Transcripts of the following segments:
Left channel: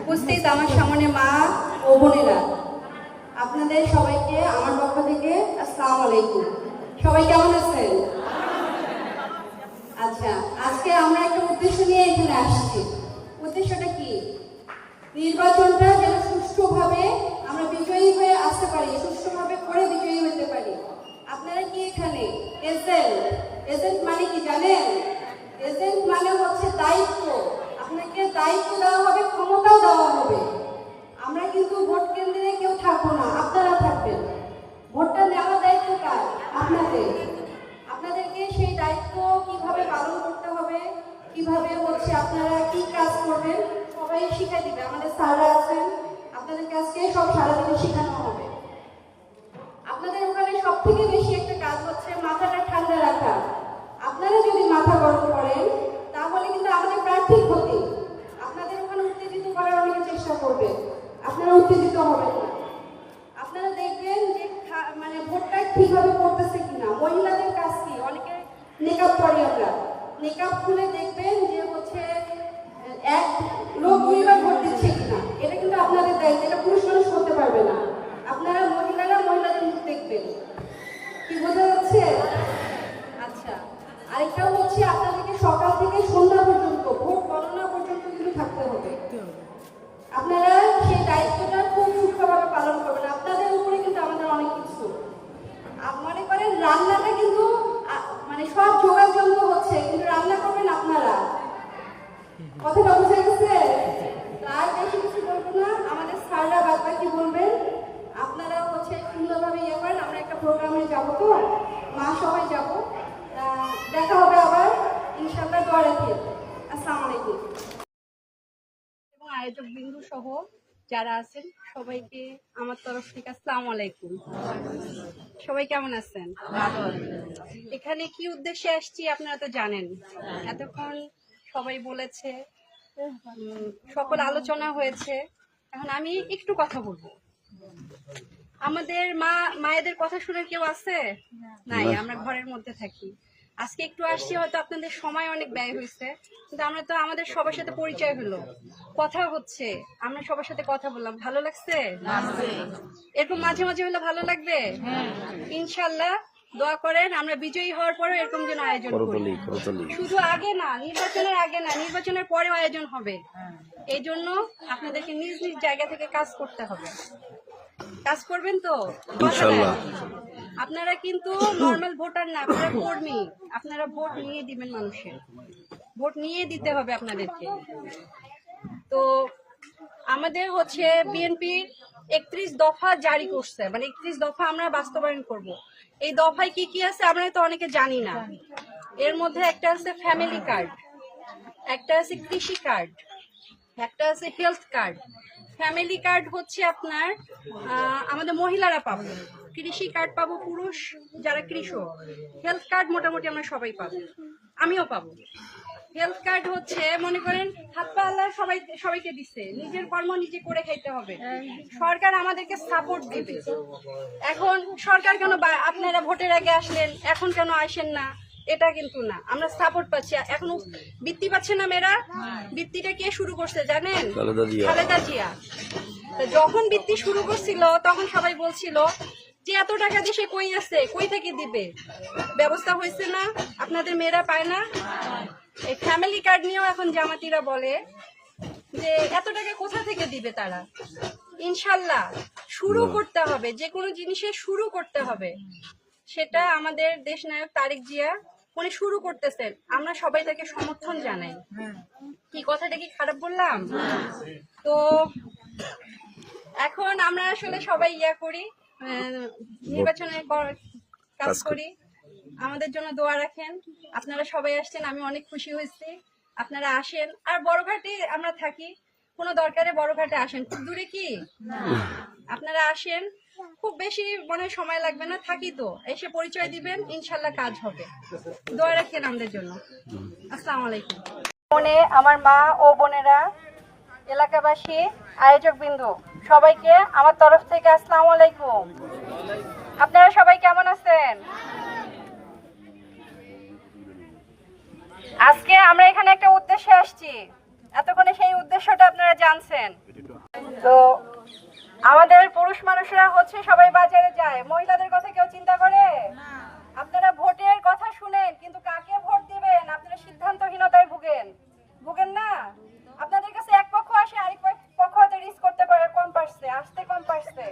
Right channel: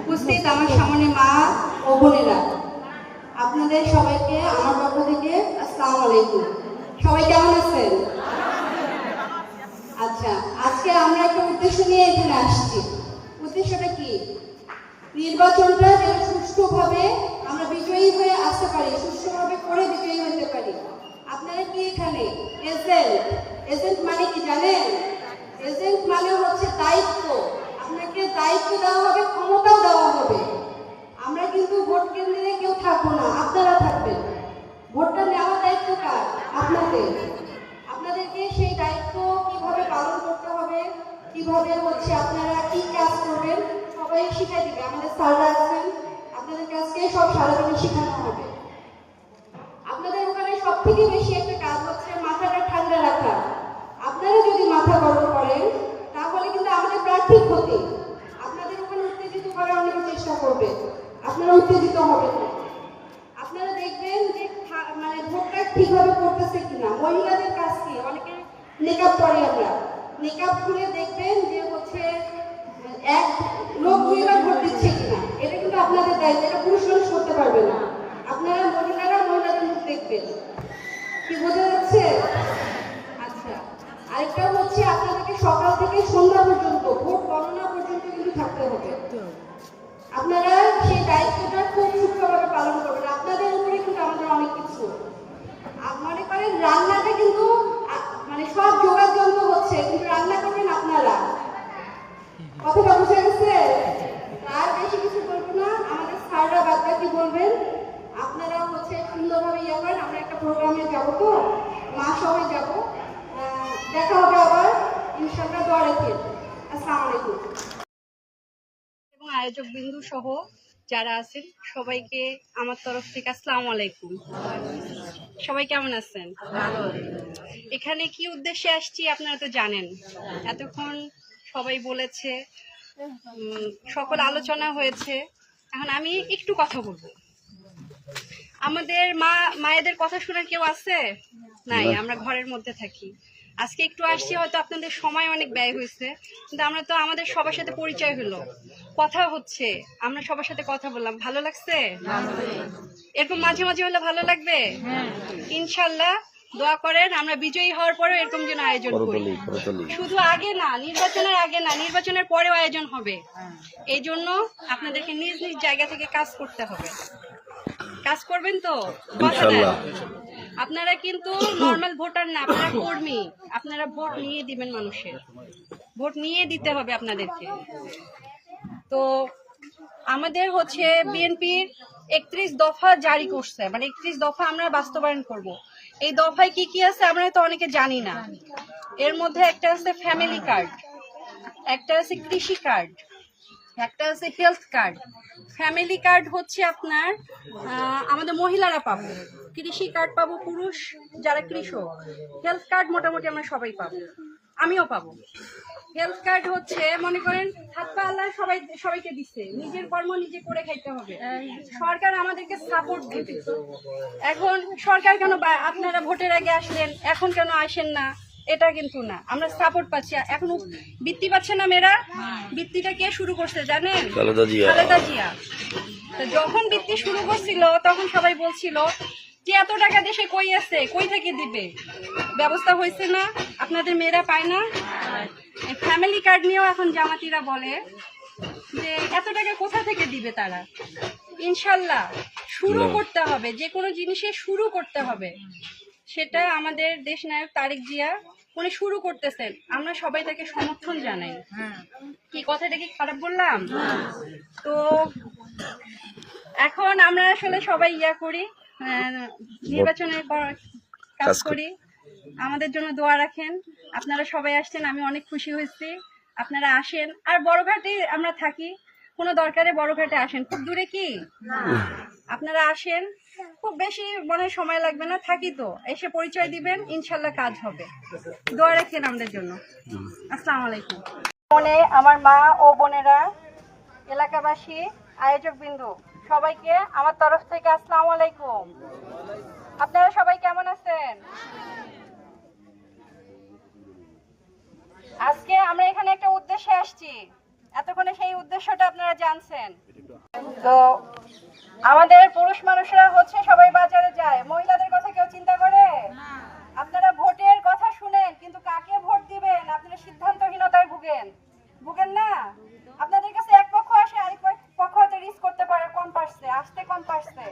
উপস্থিত আমার সামনে মা ও বোনেরা, আপনাদের সবাইকে আমার পক্ষ থেকে আসসালামু আলাইকুম। সবাই কেমন আছেন? আচ্ছা, আজকে আমরা একটা উদ্দেশ্য নিয়ে এখানে আসছি। উদ্দেশ্যটা কি? নির্বাচনটা যেন সুষ্ঠুভাবে আমরা বিজয়ী হয়ে আসতে পারি, সুষ্ঠুভাবে করে বিজয়ী হতে পারি। আপনারা কি এখানে এজেন্ট? এজেন্ট মানে কি জানেন? এজেন্ট মানে হচ্ছে দায়িত্ব। আপনাকে দায়িত্ব দেওয়া হবে, ক্ষমতাও দেওয়া হবে। আমরা কিন্তু ভোট কেন্দ্রে কেউ থাকবো না, আপনারা থাকবেন। ভোটটা নেওয়া দায়িত্ব কার? আপনাদের। আপনাদেরকে সেই দায়িত্ব কিভাবে পালন করতে হবে, কিভাবে হচ্ছে আপনারা কি কাজ করবেন সবাই শিখাই দিবে। আমাদের স্যাররা আছেন, আপনাদের কাছে সব সারাদিনে শেখানো হবে। আপনাদের ওখানে সব থেকে বেশি একটা কাজ হচ্ছে মাথাটা ঠান্ডা রাখা। আপনারা যদি মাথা গরম করেন তাহলে কিন্তু আমাদের প্রার্থীর ক্ষতি। আপনাদের ওখানে উত্তেজিত করার অনেক চেষ্টা করবে, আপনারা উত্তেজিত হবেন না। আপনারা দেখবেন যে মানে ভোটটা ঠিকভাবে করতেছে কিনা। মহিলাদের কাছ থেকে অনেকে মেকআপ পরে, আমরা মেকআপ খুলে দেখবেন যে হচ্ছে এক লোক দুইবার ভোট দিচ্ছে কিনা। এটা কিন্তু আপনাদের দায়িত্ব, এটা পুরুষ মানুষ করতে পারবে না। আপনারা মহিলারা মহিলাদের মুখ দেখবেন। কি বোঝা যাচ্ছে? আচ্ছা, আরেকটাও হচ্ছে আপনাদেরকে সকাল থেকে সন্ধ্যা পর্যন্ত ভোট গণনা পর্যন্ত কিন্তু থাকতে হবে। আপনারা সেই দায়িত্বটা খুব সূক্ষ্মভাবে পালন করবেন। আপনাদের উপরে কিন্তু আমাদের অনেক কিছু। মনে করেন রান্নাটা কিন্তু মানে সব জোগাড় যন্ত্র হচ্ছে, কিন্তু রান্না করবেন আপনারা। কথাটা বুঝে গেছে? আর বেশি কিছু বলবো না, আমাদের স্যাররা বাদ বাকি বলবেন। আপনারা হচ্ছে সুন্দরভাবে ইয়ে করেন। আমরা একটা প্রোগ্রামে যাবো, তো মা সবাই যাবো। দেখা হবে আবার ইনশাআল্লাহ। দোয়া রাখেন। আসসালামু আলাইকুম। এবং আয়োজক বিন্দু সহ যারা আছেন সবাইকে আমার তরফ থেকে আসসালামু আলাইকুম। সবাই কেমন আছেন? এখানে কি উদ্দেশ্যে আসছি আপনারা তো জানেন। এতক্ষণ সবাই বলেছে, সকল আলোচনা হয়েছে। এখন আমি একটু কথা বলবো। আমাদের মায়েদের কথা শোনার কেউ আছে? নাই, আমরা ঘরের মধ্যে থাকি। আজকে একটু আসছি, হয়তো আপনাদের সময় অনেক ব্যয় হয়েছে, কিন্তু আমরা তো আমাদের সবার সাথে পরিচয় হলো, কথা হচ্ছে, আমরা সবার সাথে কথা বললাম। ভালো লাগছে? এরকম মাঝে মাঝে হলে ভালো লাগবে। ইনশাল্লাহ দোয়া করেন আমরা বিজয়ী হওয়ার পরেও এরকম যেন আয়োজন করি। শুধু আগে না, নির্বাচনের আগে না, নির্বাচনের পরেও আয়োজন হবে। এই জন্য আপনাদেরকে নিজ নিজ জায়গা থেকে কাজ করতে হবে। কাজ করবেন তো ইনশাআল্লাহ? আপনারা কিন্তু নরমাল ভোটার না, আপনারা কর্মী। আপনারা ভোট নিয়ে দিবেন মানুষের, ভোট নিয়ে দিতে হবে আপনাদেরকে। তো আমাদের হচ্ছে বিএনপির 31 দফা জারি করছে, মানে 31 দফা আমরা বাস্তবায়ন করব। এই দফায় কি কি আছে আমরা তো অনেকে জানি না। এর মধ্যে একটা আছে ফ্যামিলি কার্ড, একটা আছে কৃষি কার্ড, একটা আছে হেলথ কার্ড। ফ্যামিলি কার্ড হচ্ছে আপনার আমাদের মহিলারা পাবো, কৃষি কার্ড পাবো পুরুষ যারা কৃষক, হেলথ কার্ড মোটামুটি আমরা সবাই পাবো, আমিও পাবো। হেলথ কার্ড হচ্ছে মনে করেন হাত পা আল্লাহ সবাইকে দিচ্ছে, নিজের কর্ম নিজে করে খাইতে হবে। সরকার আমাদেরকে সাপোর্ট দিবে। এখন সরকার কেন আপনারা ভোটের আগে আসলেন এখন কেন আসেন না, এটা কিন্তু না, আমরা সাপোর্ট পাচ্ছি। এখন বৃত্তি পাচ্ছে না মেয়েরা, বৃত্তিটা কে শুরু করছে জানেন? খালেদা জিয়া। তো যখন বৃত্তি শুরু করছিল তখন সবাই বলছিল যে এত টাকা দেশে কই আছে, কই থেকে দিবে, ব্যবস্থা হয়েছে না, আপনাদের মেয়েরা পায় না। এই ফ্যামিলি কার্ড নিয়েও এখন জামাতিরা বলে যে এত টাকা কোথা থেকে দিবে তারা। ইনশাল্লাহ শুরু করতে হবে, যে কোনো জিনিসে শুরু করতে হবে। সেটা আমাদের দেশ নায়ক তারেক জিয়া উনি শুরু করতেছেন, আমরা সবাই তাকে সমর্থন জানাই। কি কথাটা কি খারাপ বললাম? তো এখন আমরা আসলে সবাই করি, নির্বাচনের কাজ করি। আমাদের জন্য দোয়া রাখেন। আপনারা সবাই আসছেন, আমি অনেক খুশি হয়েছি। আপনারা আসেন। আর বড়ঘাটে আমরা থাকি, কোনো দরকারে বড়ঘাটে আসেন, খুব দূরে কি আপনারা আসেন, খুব বেশি মনে সময় লাগবে না, থাকি তো, এসে পরিচয় দিবেন, ইনশাল্লাহ কাজ হবে। দোয়া রাখেন আমাদের জন্য। আসসালামু আলাইকুম। মনে আমার মা ও বোনেরা, এলাকাবাসী, আয়োজক বিন্দু সবাইকে আমার তরফ থেকে আসসালামু আলাইকুম। আপনারা সবাই কেমন আছেন? আজকে আমরা এখানে একটা উদ্দেশ্যে আসছি। এতক্ষণে সেই উদ্দেশ্যটা আপনারা জানছেন। তো আমাদের পুরুষ মানুষরা হচ্ছে সবাই বাজারে যায়, মহিলাদের কথা কেউ চিন্তা করে? আপনারা ভোটের কথা শুনেন, কিন্তু কাকে ভোট দিবেন আপনারা সিদ্ধান্তহীনতায় ভুগেন না। আপনাদের কাছে এক পক্ষ আসে, আরেক পক্ষ হয়তো রিস্ক করতে পারে, আসতে কম পারছে।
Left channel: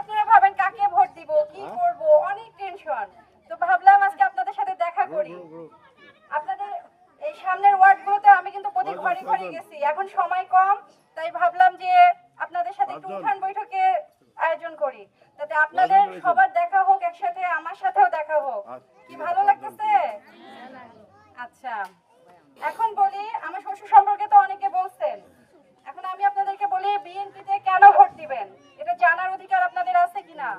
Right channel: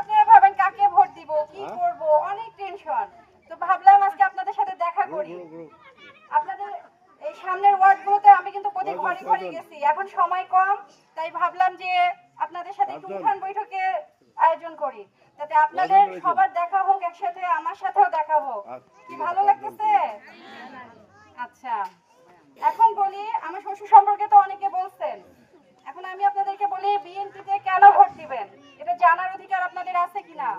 আপনারা ভাবেন কাকে ভোট দিব, কি করব, অনেক টেনশন। তো ভাবলাম আজকে আপনাদের সাথে দেখা করি। আপনাদের এই সামনের ওয়ার্ডগুলোতে আমি কিন্তু প্রতি ঘরে ঘরে গেছি, এখন সময় কম, তাই ভাবলাম যে আপনাদের সাথে একটু উঠান বৈঠকে আয়োজন করি, যাতে আপনাদের সবার দেখা হোক, একসাথে আমার সাথেও দেখা হোক। কি ভালো লাগতেছে? আচ্ছা, এখন বলি আমার শ্বশুর সম্পর্কে তো অনেকে বলছেন, এখন আমি আপনাদেরকে বলি বিএনপিতে কেন ভোট দিবেন এটা জানার অধিকার আপনাদের আছে কিনা?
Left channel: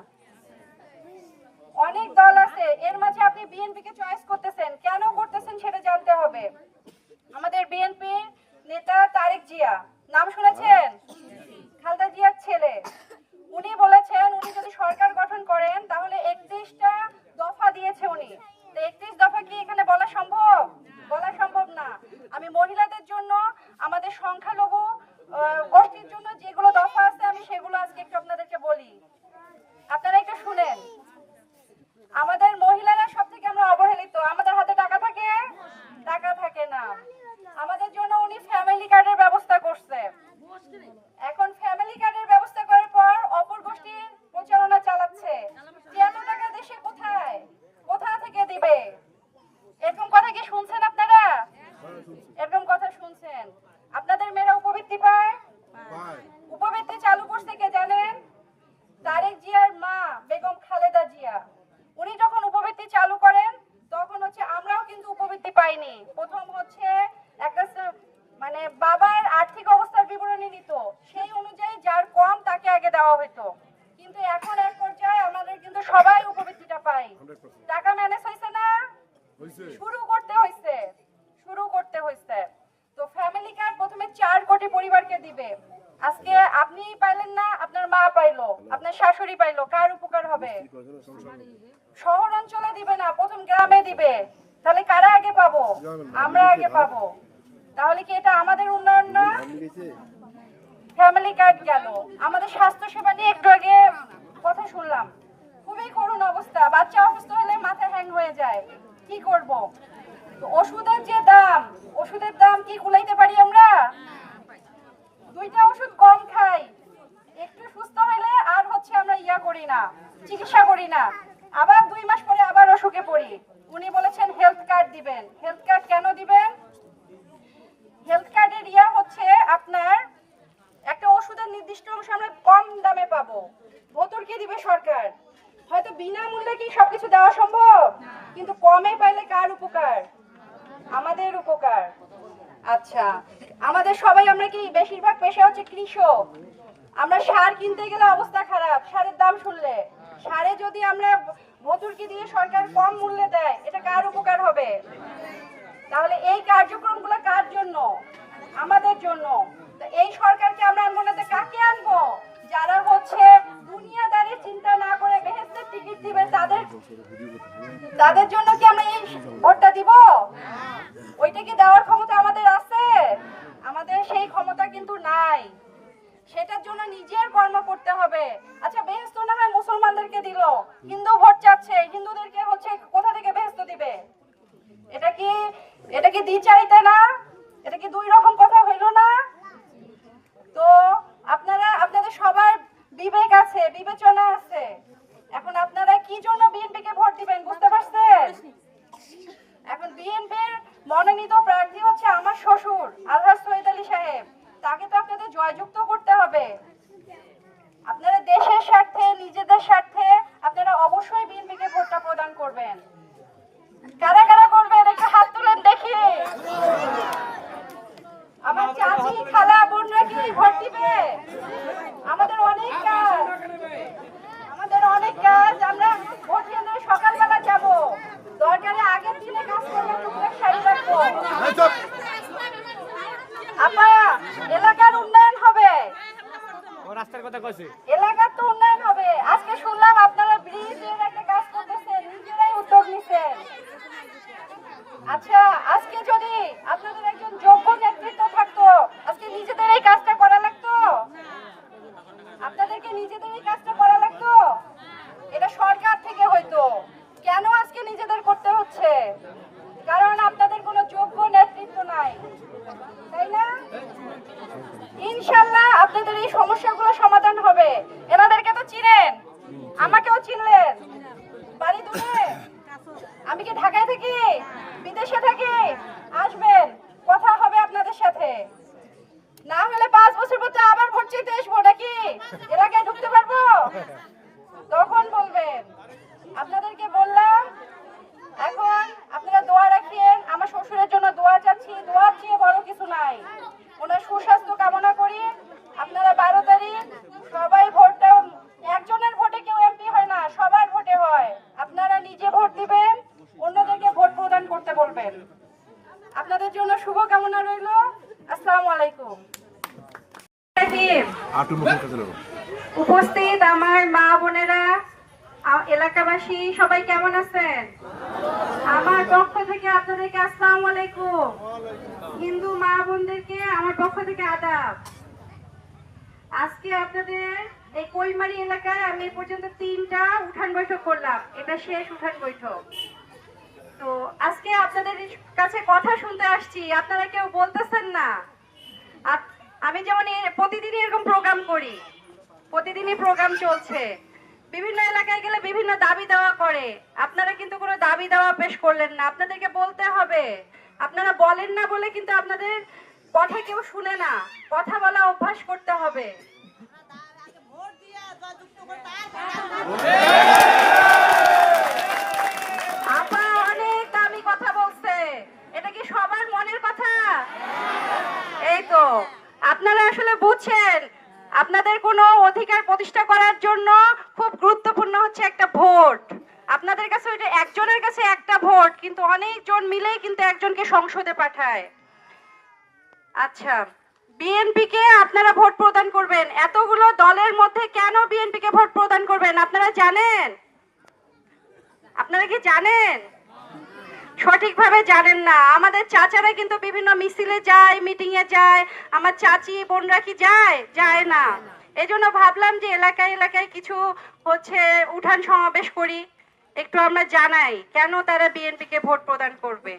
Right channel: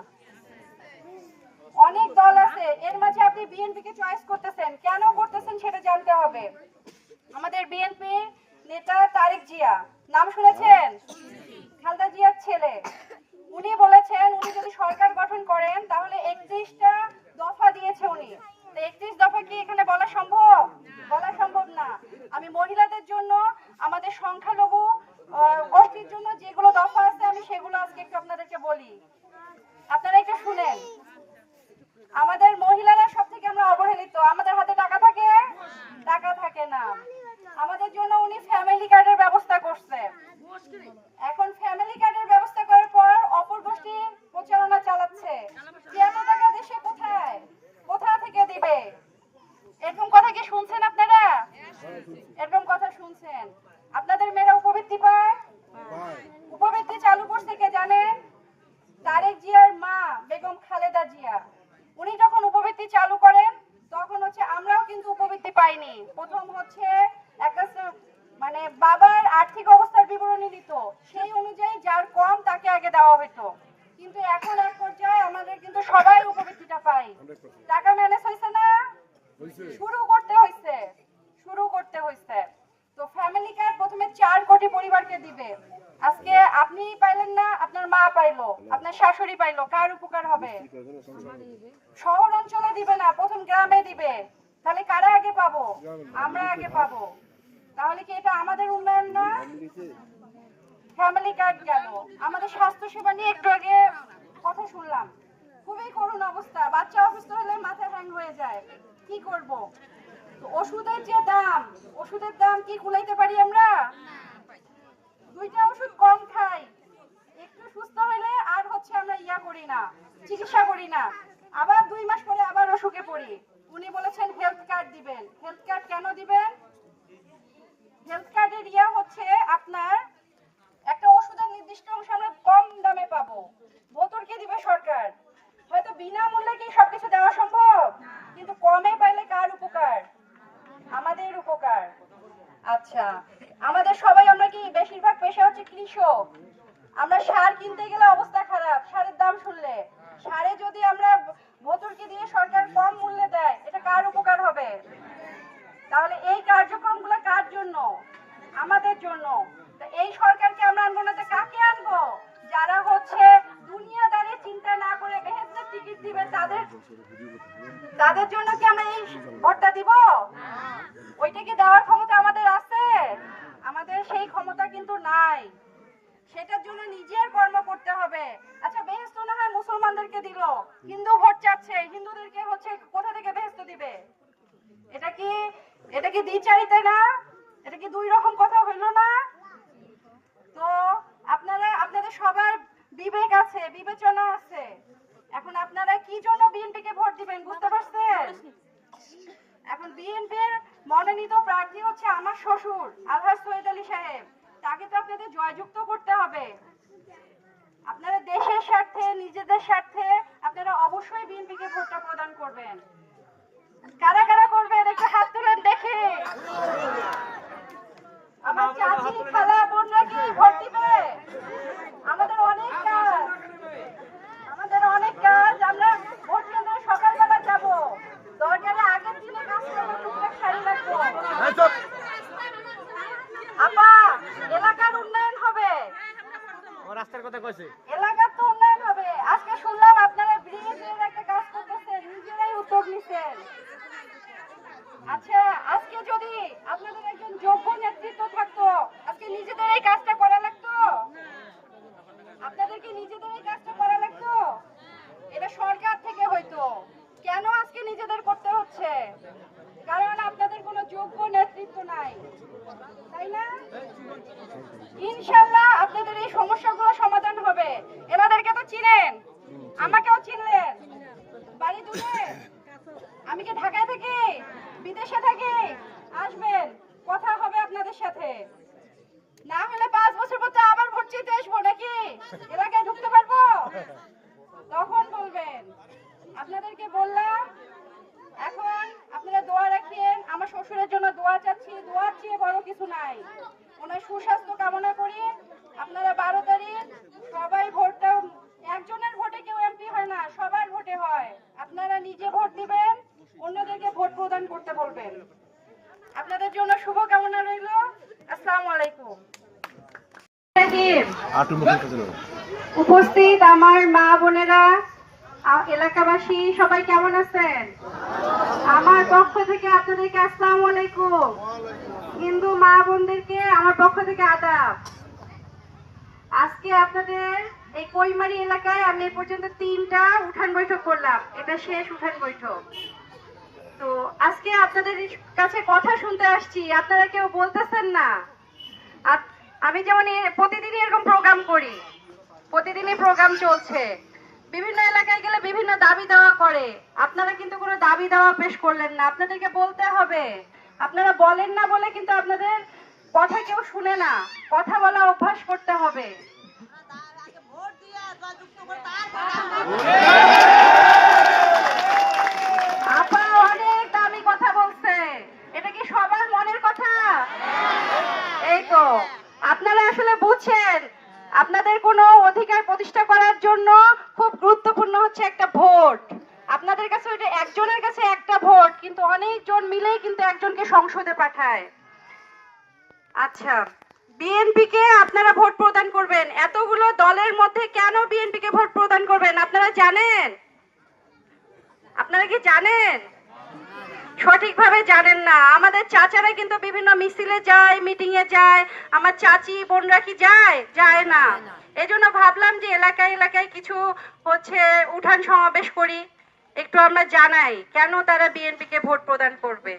অনেক দল আছে, এর মাঝে আপনি বিএনপিকে চয়েস করতেছেন, কেন করতেছেন সেটা জানতে হবে। আমাদের বিএনপি নেতা তারেক জিয়া, নাম শুনেছেন? খালেদা জিয়ার ছেলে। উনি বলেছেন উনি যদি সরকার গঠন করেন তাহলে 31টা দফা দিয়েছে উনি। তো 31 দফা কি এখানে বলা সম্ভব? বলা সম্ভব না। আমি মহিলাদের জন্য, আমাদের সংখ্যালঘু গোষ্ঠীর জন্য যেগুলো দফা আছে আমি সেগুলো আজকে একটু আপনাদেরকে বলি, আপনারা একটু শুনেন। আমাদের মহিলারা সব থেকে আমরা অবহেলিত, আমাদের হাতে টাকা থাকে? টাকা থাকে না। আমাদের জন্য উনি ফ্যামিলি কার্ডের ব্যবস্থা করছে। এখন ফ্যামিলি কার্ডের ব্যবস্থা করার পর অপর গোষ্ঠী প্রচারণা চালাচ্ছে, এত টাকা দেশে কোথা থেকে দিবে? এরকম কথা কি শুনছেন আপনারা? এরকম কথা শুনছেন? আপনাদের মেয়েরা উপবৃত্তি পায়? উপবৃত্তি চালু করছে কে জানেন? তারেক জিয়ার মা বেগম খালেদা জিয়া। উনি যখন উপবৃত্তি চালু করেন তখন হচ্ছে আমরাও কিন্তু উপবৃত্তি পাইনি। প্রথম হচ্ছে একটা মানে বাবার আর্থিক অবস্থার বিবরণী দিত, সেই অনুযায়ী যার কম তাকে আগে দেওয়া হতো, কিন্তু এখন এক পর্যায়ে আমাদের কিন্তু সবাই উপবৃত্তিটা পাই। টাকা ম্যানেজ হয়েছে না? শুরু করতে হয়েছে। তো ফ্যামিলি কার্ড প্রথমে 4 কোটি পরিবারকে দিবে। আজকে আপনি পাইলেন না, আপনার মা পাইলো, আপনার শাশুড়ি পাইলো, কার উপকার হবে? শহর অঞ্চলে দিবে না, প্রথম গ্রামে দিবে। তাহলে কারা আগে পাবো? আমরা আগে পাবো। তাহলে কি এটা আমাদের উন্নয়ন না? ফ্যামিলি কার্ড গেল। আমাদের স্বাস্থ্য সেবা নিয়ে একটু আগে কথা শুনলাম, খুবই করুণ অবস্থা। বাচ্চা অসুস্থ হলে মাথা হ্যাং হয়ে যায়, কি করব? তো ওষুধের দাম কি কুলাইতে পারি আমরা? 2টা ওষুধ কম খাই, একটু সুস্থ হলে আর হচ্ছে আমরা চিকিৎসা করি না, আবার 2 মাস পরে আবার অসুখে পড়ি। উনি বলেছেন হেলথ কার্ড দিবেন। হেলথ কার্ড কেন দিবেন? হেলথ কার্ডের হচ্ছে আপনার একটা ওষুধের নির্দিষ্ট অংশ আমরা কম দামে পাবো, ভর্তুকি দিবে সরকার। হয়তো বিনামূল্যে কি সবকিছু দেওয়া সম্ভব, কিন্তু কমে পাইলে কার উপকার? আমাদের উপকার। আচ্ছা, আমাদের সবাই আমরা কি বেশিরভাগ পেশা হচ্ছে কৃষক। আমরা সার কিনতে গেলে অবস্থা খারাপ, সারের দাম শুনলে। সারে যদি আমরা ভর্তুকি দিয়ে সরকার কম মূল্যে দেয়, এটা কার উপকার হবে? তাহলে এই কার্যক্রমগুলো কার জন্য? আমাদের জন্য। এই সরকারকে আমরা আনবো না, কাকে আনবো? যারা হচ্ছে দুনিয়াদারির চিন্তা না করে বেহেশতের টিকিট দিবে, তাদের জন্য কি আমরা এই ভোটটা দিব? ওইটা কি দেওয়ার ক্ষমতা আমাদের আছে? আমাদের সেই ক্ষমতা কিন্তু নাই। সেটার জন্য নিজের কর্ম করতে হবে। আচ্ছা, বেহেশত না হয় মুসলমানদেরকে দিল, হিন্দু ভোট চাচ্ছে, হিন্দুদেরকে হচ্ছে কোথা থেকে বেহেশত দিবে? এটা কি দ্বিচারিতা না? এটা কি 2 রকম কথা হইল না? তো আপনাদের সবার বিবেক আছে, বিবেচনা আছে। এখন আপনারা কি জন্য বিএনপিকে ভোট দিবেন বুঝতে পারছেন? এখন বিএনপির মনোনীত প্রার্থী হচ্ছে আমার শ্বশুর আলহাজ সৈয়দ আলী সাহেব, তাকে তো আপনাদের জয়যুক্ত করতে হবে। আপনারা দেশের স্বার্থে, নিজেদের স্বার্থে আপনারা অবশ্যই বিএনপিকে ভোটটা প্রদান করবেন। কারা কারা করবেন একটু হাত তুলেন দেখি। আমার চাচি, খালা, বোনরা কি ভোট দিবে? আমাদের অনেক কাজ। আমরা ভোট কেন্দ্রে সকালবেলা যাব, দরকারে আগের দিনে কাজ করবো, টুকটাক সারি রাখবো। আপা, এলাকার উন্নয়ন হবে, রাস্তার কথা কইছে, এলাকার তো উন্নয়ন হবে। আজকে শুনলাম আপনারা ব্রিজের একটা কাজ করতেছেন, নিজেরাই উদ্যোগ নিছেন। আচ্ছা, আজকে যদি আপনাদের একজন যোগ্য নেতৃত্ব থাকতো সমস্যাগুলো সমাধান হবে। এনাদেরকে তো চিনেন, আমাকেও চিনলেন। বাড়ি দূরে, আমি কি ঢাকায় থাকি, বিদেশে থাকি? আসবেন, কথা হবে আপনাদের সাথে। না হলে 5 বছর পর তো আবার ভোট চাইতে আসবো, নাকি এলাকায় ঢুকতে পারবো? তখন বলবেন। আপনাদেরকে বললাম, এখন আপনারা দোয়া রাখিয়েন। আমার শ্বশুরের জন্য দোয়া চাচ্ছি, দোয়ার চেয়ে বড় কিছু নাই। ওনার সুস্বাস্থ্য কামনা করি। আপনারা 12 তারিখ সবাই ভোটটা, একজনের ভোটে কেউ এমপি হয় না, সবার ভোটে হয়। আপনারা নিজে ভোট দিবেন, অন্যদেরকে ভোট প্রদান করতে বলবেন। আপনাদের জন্য শুভ কামনা রইল। আসসালামু আলাইকুম। উপস্থিত আমার মা বোনেরা, এলাকাবাসী সবাই কেমন আছেন? আমার পক্ষ থেকে আপনাদেরকে আসসালামু আলাইকুম। হিন্দু মা বোনদেরকে আমার পক্ষ থেকে আদাব। আজকে আপনাদের এই কৈমারি এলাকায় আমি এ পর্যন্ত 3টা উঠান বৈঠক করলাম, এটা শেষ উঠান বৈঠক। তো আজকে আপনাদের কাছে কথা শুনতে আসছি, আপনারা কেউ বলতেছেন না। আমি যেমন প্রতিদিনই এরকম প্রোগ্রাম করি, প্রতিদিনই প্রোগ্রাম চলছে, বিভিন্ন এলাকায় গেলে বিভিন্ন দাবি দেওয়া করে। আপনারা কিন্তু কোনো দাবি দেওয়া পেশ করলেন না। আপনাদেরকে বলতে হবে, আপনারা বলেন না বলে কিন্তু আপনাদের কথা কেউ শুনে না। কথা বলা অভ্যাস করতে হবে। আপা অনেক দামি কথা বলছে, এটা কি সবার মনের কথা? এই তো আপনারা আসলে বুঝছেন, আপনাদের কোনো অধিকার প্রতিষ্ঠা করার জন্য খুব গুরুত্বপূর্ণ হচ্ছে একটা ভোট। আপনাদের কাছে ওইটা একজনের কাছে একটা ভোট, কিন্তু অনেকজন মিলেই কিন্তু একজনকে সংসদে পাঠায়। আচ্ছা, বিএনপি কে আপনারা ভোট প্রদান করবেন। এতগুলো দলের মধ্যে কেন বিএনপি কে ভোট প্রদান করবেন আপনারা জানেন? আপনারা কি জানেন? সঠিকভাবে জানেন না। আমাদের চাচারা কিন্তু বিভিন্ন মিছিলে যায়, মিটিং এ যায়। আমার চাচি বোনরা কি যায়? যায় না। এজন্য ভাবলাম যে এলাকায় এলাকায় কিছু হচ্ছে উঠান সমাবেশ করি, একটু আমরা জানাই কেন তারা বিএনপি কে ভোট প্রদান করবে।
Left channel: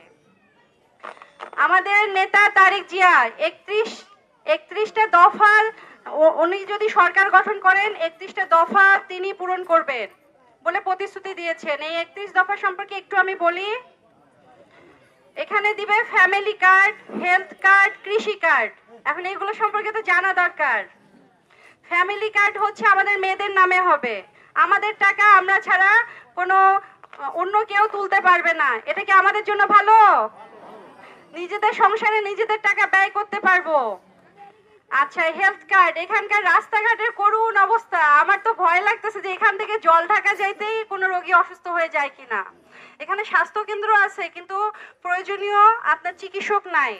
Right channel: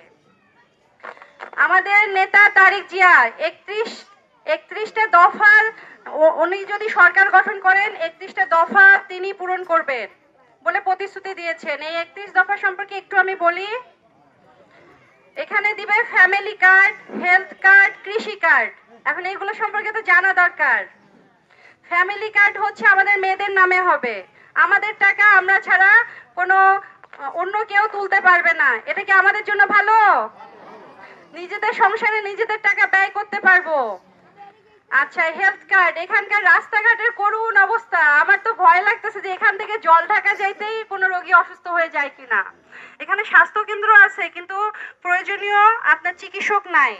আমাদের নেতা তারেক জিয়া 31টা দফার, উনি যদি সরকার গঠন করেন 31টা দফা তিনি পূরণ করবেন বলে প্রতিশ্রুতি দিয়েছেন। এই 31 দফা সম্পর্কে একটু আমি বলি। এখানে দিবে ফ্যামিলি কার্ড, হেলথ কার্ড, কৃষি কার্ড। এখন এগুলো সম্পর্কে তো জানা দরকার। ফ্যামিলি কার্ড হচ্ছে আমাদের মেয়েদের নামে হবে। আমাদের টাকা আমরা ছাড়া কোনো অন্য কেউ তুলতে পারবে না। এটা কি আমাদের জন্য ভালো? নিজেদের সংসারে নিজেদের টাকা ব্যয় করতে পারবো। আচ্ছা, হেলথ কার্ড। এখানকার রাস্তাঘাটের করুণ অবস্থা, আমার তো ভয় লাগতেছে যে এখান থেকে জল ঢাকা যাইতেই কোনো রোগী অসুস্থ হয়ে যায় কিনা। এখানে স্বাস্থ্য কেন্দ্র আছে কিন্তু প্রয়োজনীয় আপনার চিকিৎসক নাই।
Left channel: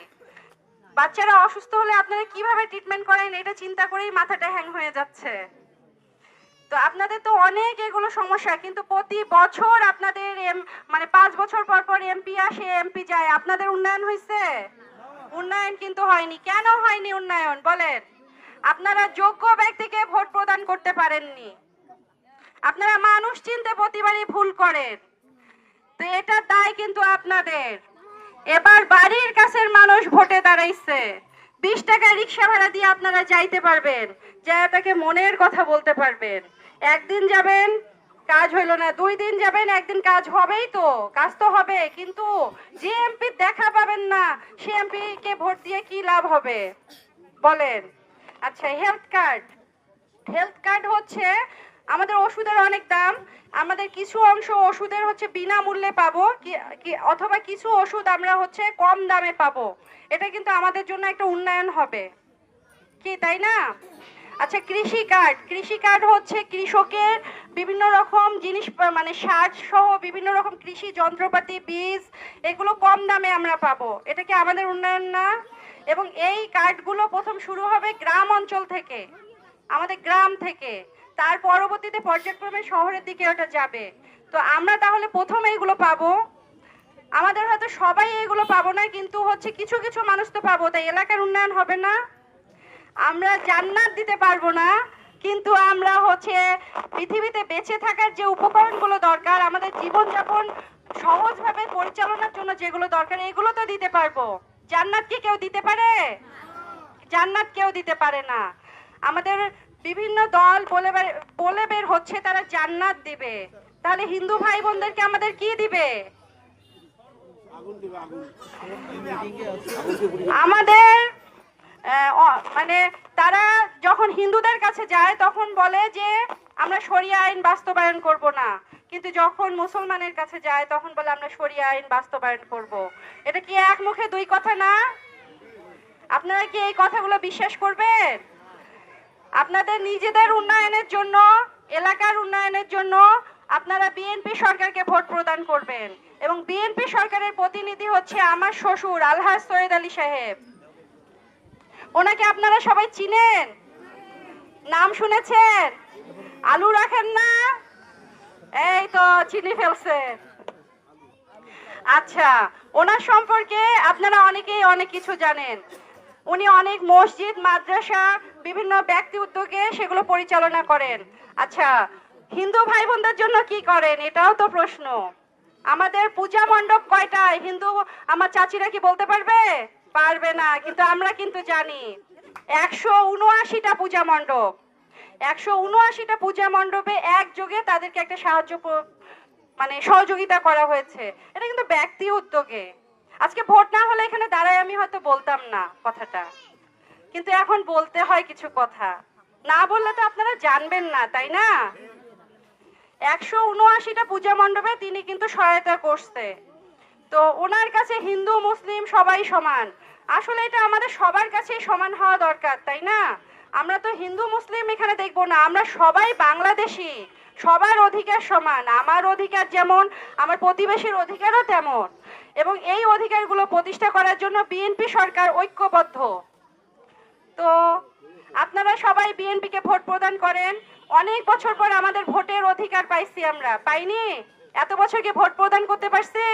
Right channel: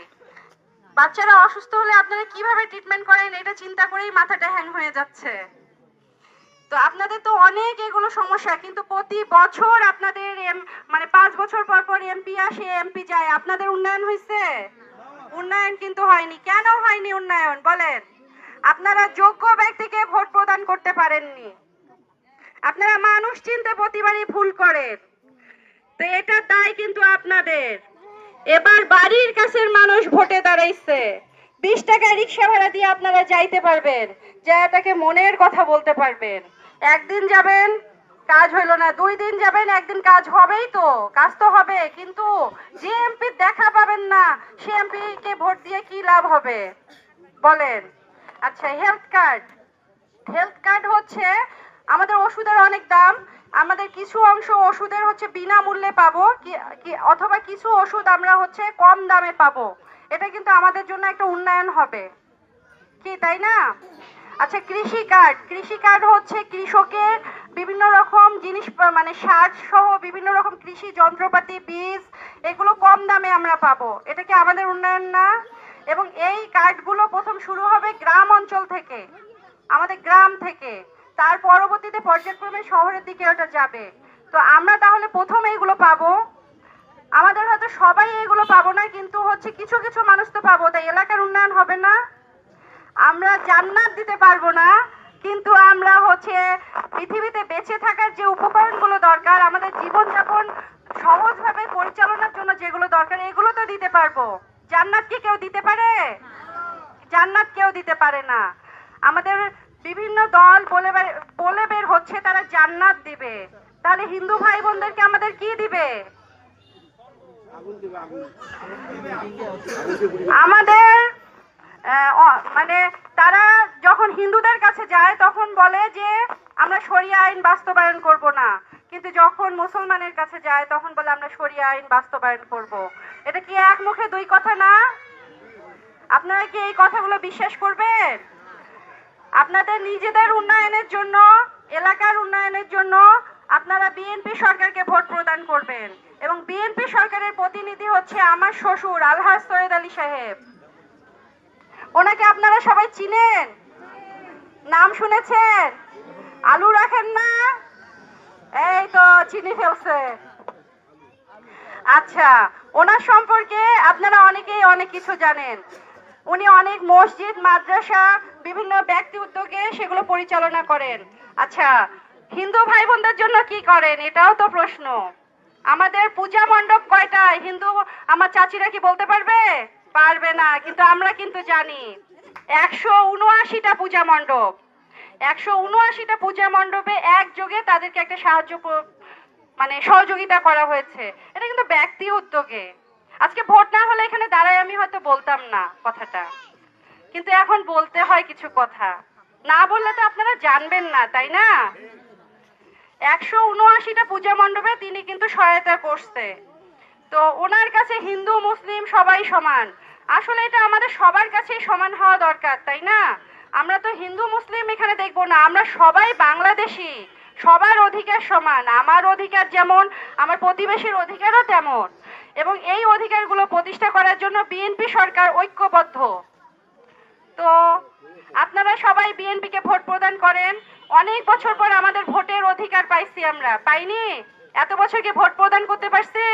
বাচ্চারা অসুস্থ হলে আপনারা কিভাবে ট্রিটমেন্ট করেন এটা চিন্তা করেই মাথাটা হ্যাং হয়ে যাচ্ছে। তো আপনাদের তো অনেক এগুলো সমস্যা, কিন্তু প্রতি বছর আপনাদের মানে 5 বছর পর পর এমপি আসে, এমপি যায়। আপনাদের উন্নয়ন হয়েছে? উন্নয়ন কিন্তু হয়নি। কেন হয়নি উন্নয়ন বলেন? আপনারা যোগ্য ব্যক্তিকে ভোট প্রদান করতে পারেননি। আপনারা মানুষ চিনতে প্রতিবারই ভুল করেন। তো এটা দায় কিন্তু আপনাদের। এবার বাড়ির কাছের মানুষ ভোটে দাঁড়াইছে। 20 টাকা রিক্সা ভাড়া দিয়ে আপনারা যাইতে পারবেন, যা তাকে মনের কথা বলতে পারবেন। একদিন যাবেন, কাজ হইলো না। 2 দিন যাবেন, একদিন কাজ হবেই তো, কাজ তো হবে। কিন্তু যে এমপি দেখা পাবেন না, সে এমপি কে ভোট দিয়ে কি লাভ হবে বলেন? আচ্ছা, হেলথ কার্ড। হেলথ কার্ড হচ্ছে আমাদের ওষুধের অনেক দাম, আমাদের কিছু অংশ ওষুধের হচ্ছে বিনামূল্যে পাবো, অথবা কিছু ওষুধ আমরা হচ্ছে কম দামে পাবো। এটা কিন্তু আমাদের জন্য একটা উন্নয়ন হবে, কি তাই না? আচ্ছা, কৃষি কার্ড। কৃষি কার্ড হচ্ছে কৃষকের বিভিন্ন রকম জিনিস, মানে সার সহ বিভিন্ন রকম কৃষি যন্ত্রপাতি, বীজ, এগুলো কম দামে আমরা পাবো। এটা কি আমাদের উন্নয়ন না? এবং এই কার্ডগুলো প্রথম শুরু হবে গ্রাম অঞ্চল থেকে, আমাদের গ্রাম থেকে, তার পরবর্তীতে পর্যায়ক্রমে শহরের দিকে ওটা যাবে। তো আমরা তাহলে প্রথম এইগুলো পাবো। আমাদের হয়তো সবাই এগুলো পাবো না, কিন্তু হচ্ছে কিছু কিছু মানুষ তো পাবো। তাই এলাকার উন্নয়ন হবে না? আমরা জান্নাত দিতে পারবো না, কিন্তু আমরা হচ্ছে পৃথিবীতে বেঁচে থাকার যে উপকরণগুলো দরকার, আমাদের জীবনযাপন সহজভাবে পরিচালনার জন্য যেগুলো দরকার, এগুলো তো দিতে পারবো। জান্নাত কি কেউ দিতে পারে? জান্নাত কেউ দিতে পারে না। আমাদের বিভিন্ন দল বলে বের হচ্ছে তারা জান্নাত দিবে, তাহলে হিন্দু ভাই বোনদেরকে আমাদের কি দিবে? আমাদের মানে তারা যখন হিন্দুদের কাছে যায় তখন বলে যে আমরা শরিয়া আইন বাস্তবায়ন করব না, কিন্তু যখন মুসলমানের কাছে যায় তখন বলে আমরা শরিয়া আইন বাস্তবায়ন করব। এটা কি এক মুখে দুই কথা না? আপনারা কি এই কথাগুলো বিশ্বাস করবেন? আপনাদের নিজেদের উন্নয়নের জন্য, এলাকার উন্নয়নের জন্য আপনারা বিএনপি সরকারকে ভোট প্রদান করবেন, এবং বিএনপি সরকারের প্রতিনিধি হচ্ছে আমার শ্বশুর আলহাজ সৈয়দ আলী সাহেব। ওনাকে আপনারা সবাই চিনেন, নাম শুনেছেন? আলু রাখেন না? এই তো চিনি ফেলছে। আচ্ছা, ওনার সম্পর্কে আপনারা অনেকেই অনেক কিছু জানেন। উনি অনেক মসজিদ, মাদ্রাসা, বিভিন্ন ব্যক্তি উদ্যোগে সেগুলো পরিচালনা করেন। আচ্ছা, হিন্দু ভাই বোনদের জন্য কি করেন এটাও তো প্রশ্ন। আমাদের পূজা মণ্ডপ কয়টা? হিন্দু আমার চাচিরা কি বলতে পারবে? পারবে না, কিন্তু আমরা কিন্তু জানি 179টা পূজা মণ্ডপ। 179টা পূজা মণ্ডপে একযোগে তাদেরকে একটা সহযোগিতা করা হয়েছে। এটা কিন্তু ব্যক্তি উদ্যোগে। আজকে ভোট না হলে এখানে দাঁড়ায় আমি হয়তো বলতাম না কথাটা, কিন্তু এখন বলতে হয় কিছু কথা। না বললে তো আপনারা জানবেন না, তাই না? 179টা পূজা মণ্ডপে তিনি কিন্তু সহায়তা করছে। তো ওনার কাছে হিন্দু মুসলিম সবাই সমান। আসলে এটা আমাদের সবার কাছেই সমান হওয়া দরকার, তাই না? আমরা তো হিন্দু মুসলিম এখানে দেখবো না, আমরা সবাই বাংলাদেশী, সবার অধিকার সমান। আমার অধিকার যেমন, আমার প্রতিবেশীর অধিকারও তেমন। এবং এই অধিকারগুলো প্রতিষ্ঠা করার জন্য বিএনপি সরকার ঐক্যবদ্ধ। তো আপনারা সবাই বিএনপিকে ভোট প্রদান করেন। অনেক বছর পর আমাদের ভোটের অধিকার পাইছি, আমরা পাইনি? এত বছর কি ভোট প্রদান করতে পারছি?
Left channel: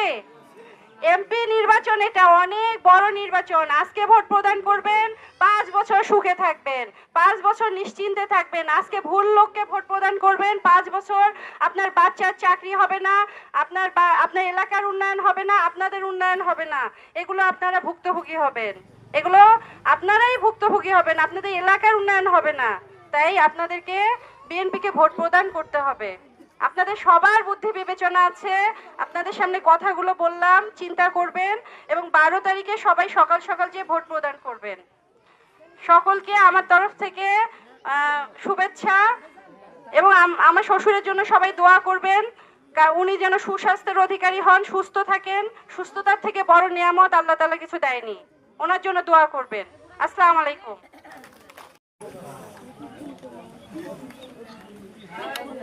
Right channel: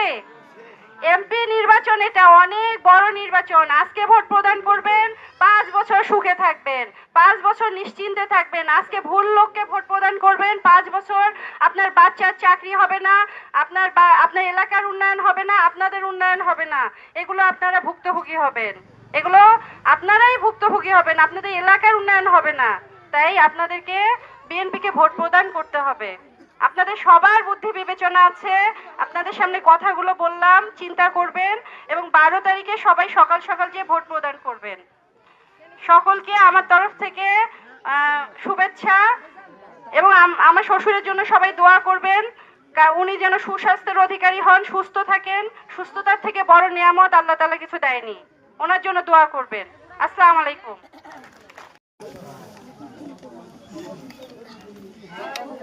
এমপি নির্বাচন এটা অনেক বড় নির্বাচন। আজকে ভোট প্রদান করবেন, 5 বছর সুখে থাকবেন, 5 বছর নিশ্চিন্তে থাকবেন। আজকে ভুল লোককে ভোট প্রদান করবেন, 5 বছর আপনার বাচ্চার চাকরি হবে না, আপনার এলাকার উন্নয়ন হবে না, আপনাদের উন্নয়ন হবে না। এগুলো আপনারা ভুক্তভোগী হবেন, এগুলো আপনারাই ভুক্তভোগী হবেন, আপনাদের এলাকার উন্নয়ন হবে না। তাই আপনাদেরকে বিএনপিকে ভোট প্রদান করতে হবে। আপনাদের সবার বুদ্ধি বিবেচনা আছে, আপনাদের সামনে কথাগুলো বললাম, চিন্তা করবেন এবং 12 তারিখে সবাই সকাল সকাল যে ভোট প্রদান করবেন। সকলকে আমার তরফ থেকে শুভেচ্ছা, এবং আমার শ্বশুরের জন্য সবাই দোয়া করবেন, উনি যেন সুস্বাস্থ্যের অধিকারী হন, সুস্থ থাকেন। সুস্থতার থেকে বড় নিয়ামত আল্লাহ তাআলা কিছু দেয়নি, ওনার জন্য দোয়া করবেন। আসসালামু আলাইকুম।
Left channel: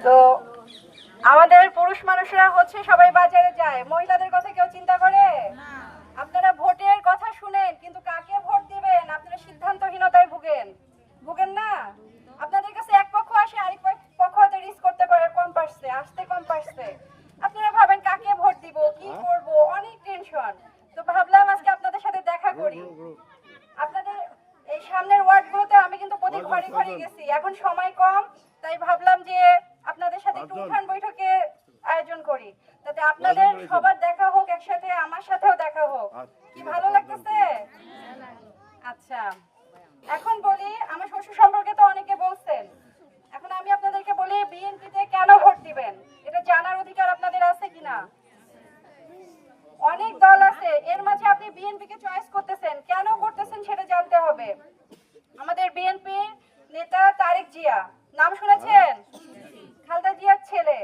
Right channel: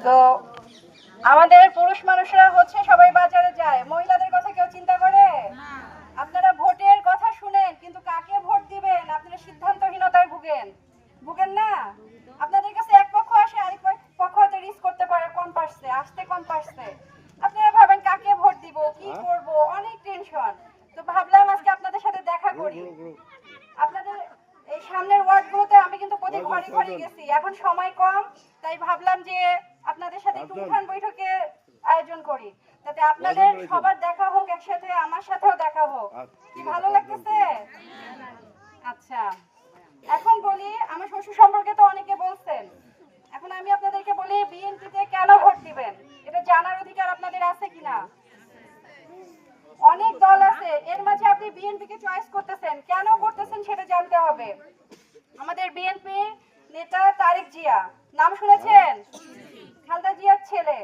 তো আমাদের পুরুষ মানুষরা হচ্ছে সবাই বাজারে যায়, মহিলাদের কথা কেউ চিন্তা করে? আপনারা ভোটের কথা শুনেন, কিন্তু কাকে ভোট দিবেন আপনারা সিদ্ধান্তহীনতায় ভুগেন না? আপনাদের কাছে এক পক্ষ আসে, আরেক পক্ষ হয়তো রিস্ক করতে পারে, আসতে কম পারছে। আপনারা ভাবেন কাকে ভোট দিব, কি করব, অনেক টেনশন। তো ভাবলাম আজকে আপনাদের সাথে দেখা করি। আপনাদের এই সামনের ওয়ার্ডগুলোতে আমি কিন্তু প্রতি ঘরে ঘরে গেছি, এখন সময় কম, তাই ভাবলাম যে আপনাদের সাথে একটু উঠান বৈঠকে আয়োজন করি, যাতে আপনাদের সবার দেখা হোক, একসাথে আমার সাথেও দেখা হোক। কি ভালো লাগতেছে? আচ্ছা, এখন বলি আমার শ্বশুর সম্পর্কে তো অনেকে বলছেন, এখন আমি আপনাদেরকে বলি বিএনপিতে কেন ভোট দিবেন এটা জানার অধিকার আপনাদের আছে কিনা? অনেক দল আছে, এর মাঝে আপনি বিএনপিকে চয়েস করতেছেন, কেন করতেছেন সেটা জানতে হবে। আমাদের বিএনপি নেতা তারেক জিয়া, নাম শুনেছেন? খালেদা জিয়ার ছেলে।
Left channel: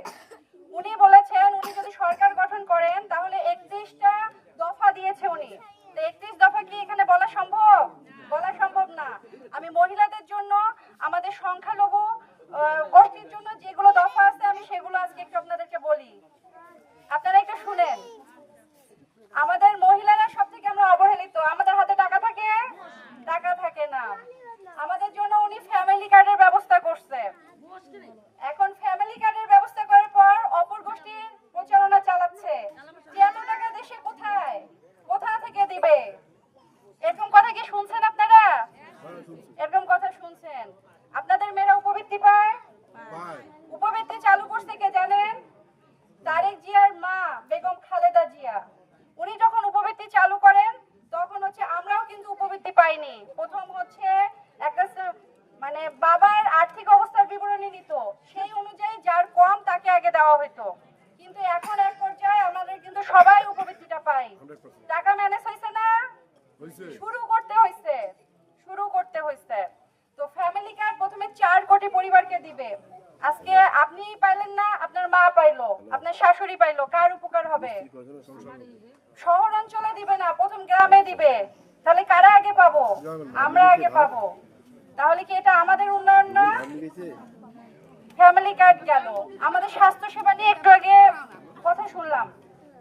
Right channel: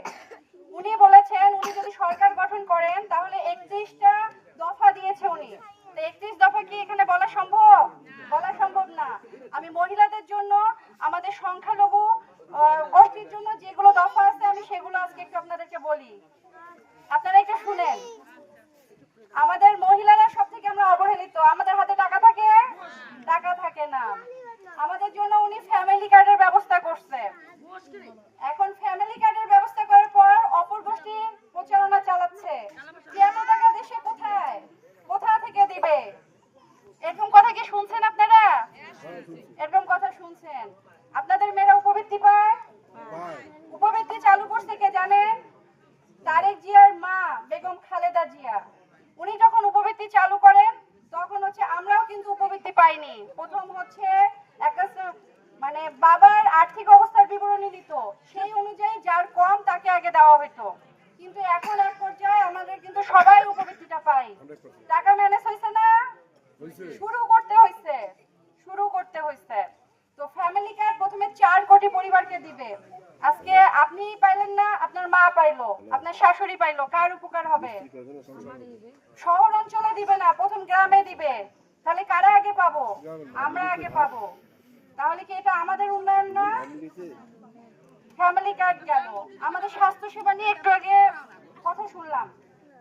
উনি বলেছেন উনি যদি সরকার গঠন করেন তাহলে 31টা দফা দিয়েছে উনি। তো 31 দফা কি এখানে বলা সম্ভব? বলা সম্ভব না। আমি মহিলাদের জন্য, আমাদের সংখ্যালঘু গোষ্ঠীর জন্য যেগুলো দফা আছে আমি সেগুলো আজকে একটু আপনাদেরকে বলি, আপনারা একটু শুনেন। আমাদের মহিলারা সব থেকে আমরা অবহেলিত, আমাদের হাতে টাকা থাকে? টাকা থাকে না। আমাদের জন্য উনি ফ্যামিলি কার্ডের ব্যবস্থা করছে। এখন ফ্যামিলি কার্ডের ব্যবস্থা করার পর অপর গোষ্ঠী প্রচারণা চালাচ্ছে, এত টাকা দেশে কোথা থেকে দিবে? এরকম কথা কি শুনছেন আপনারা? এরকম কথা শুনছেন? আপনাদের মেয়েরা উপবৃত্তি পায়? উপবৃত্তি চালু করছে কে জানেন? তারেক জিয়ার মা বেগম খালেদা জিয়া। উনি যখন উপবৃত্তি চালু করেন তখন হচ্ছে আমরাও কিন্তু উপবৃত্তি পাইনি। প্রথম হচ্ছে একটা বাবার আর্থিক বিবরণী দিত, সেই অনুযায়ী যার কম তাকে আগে দেওয়া হতো। কিন্তু এখন এক পর্যায়ে আমাদের কিন্তু সবাই উপবৃত্তিটা পাই। টাকা ম্যানেজ হয়েছে না, শুরু করতে হয়েছে। তো ফ্যামিলি কার্ড প্রথমে 4 কোটি পরিবারকে দিবে। আজকে আপনি পাইলেন না, আপনার মা পাইলো, আপনার শাশুড়ি পাইলো, কার উপকার হবে? শহর অঞ্চলে দিবে না, প্রথম গ্রামে দিবে। তাহলে কারা আগে পাবো? আমরা আগে পাবো। তাহলে কি এটা আমাদের উন্নয়ন না? ফ্যামিলি কার্ড গেল। আমাদের স্বাস্থ্য সেবা নিয়ে একটু আগে কথা শুনলাম,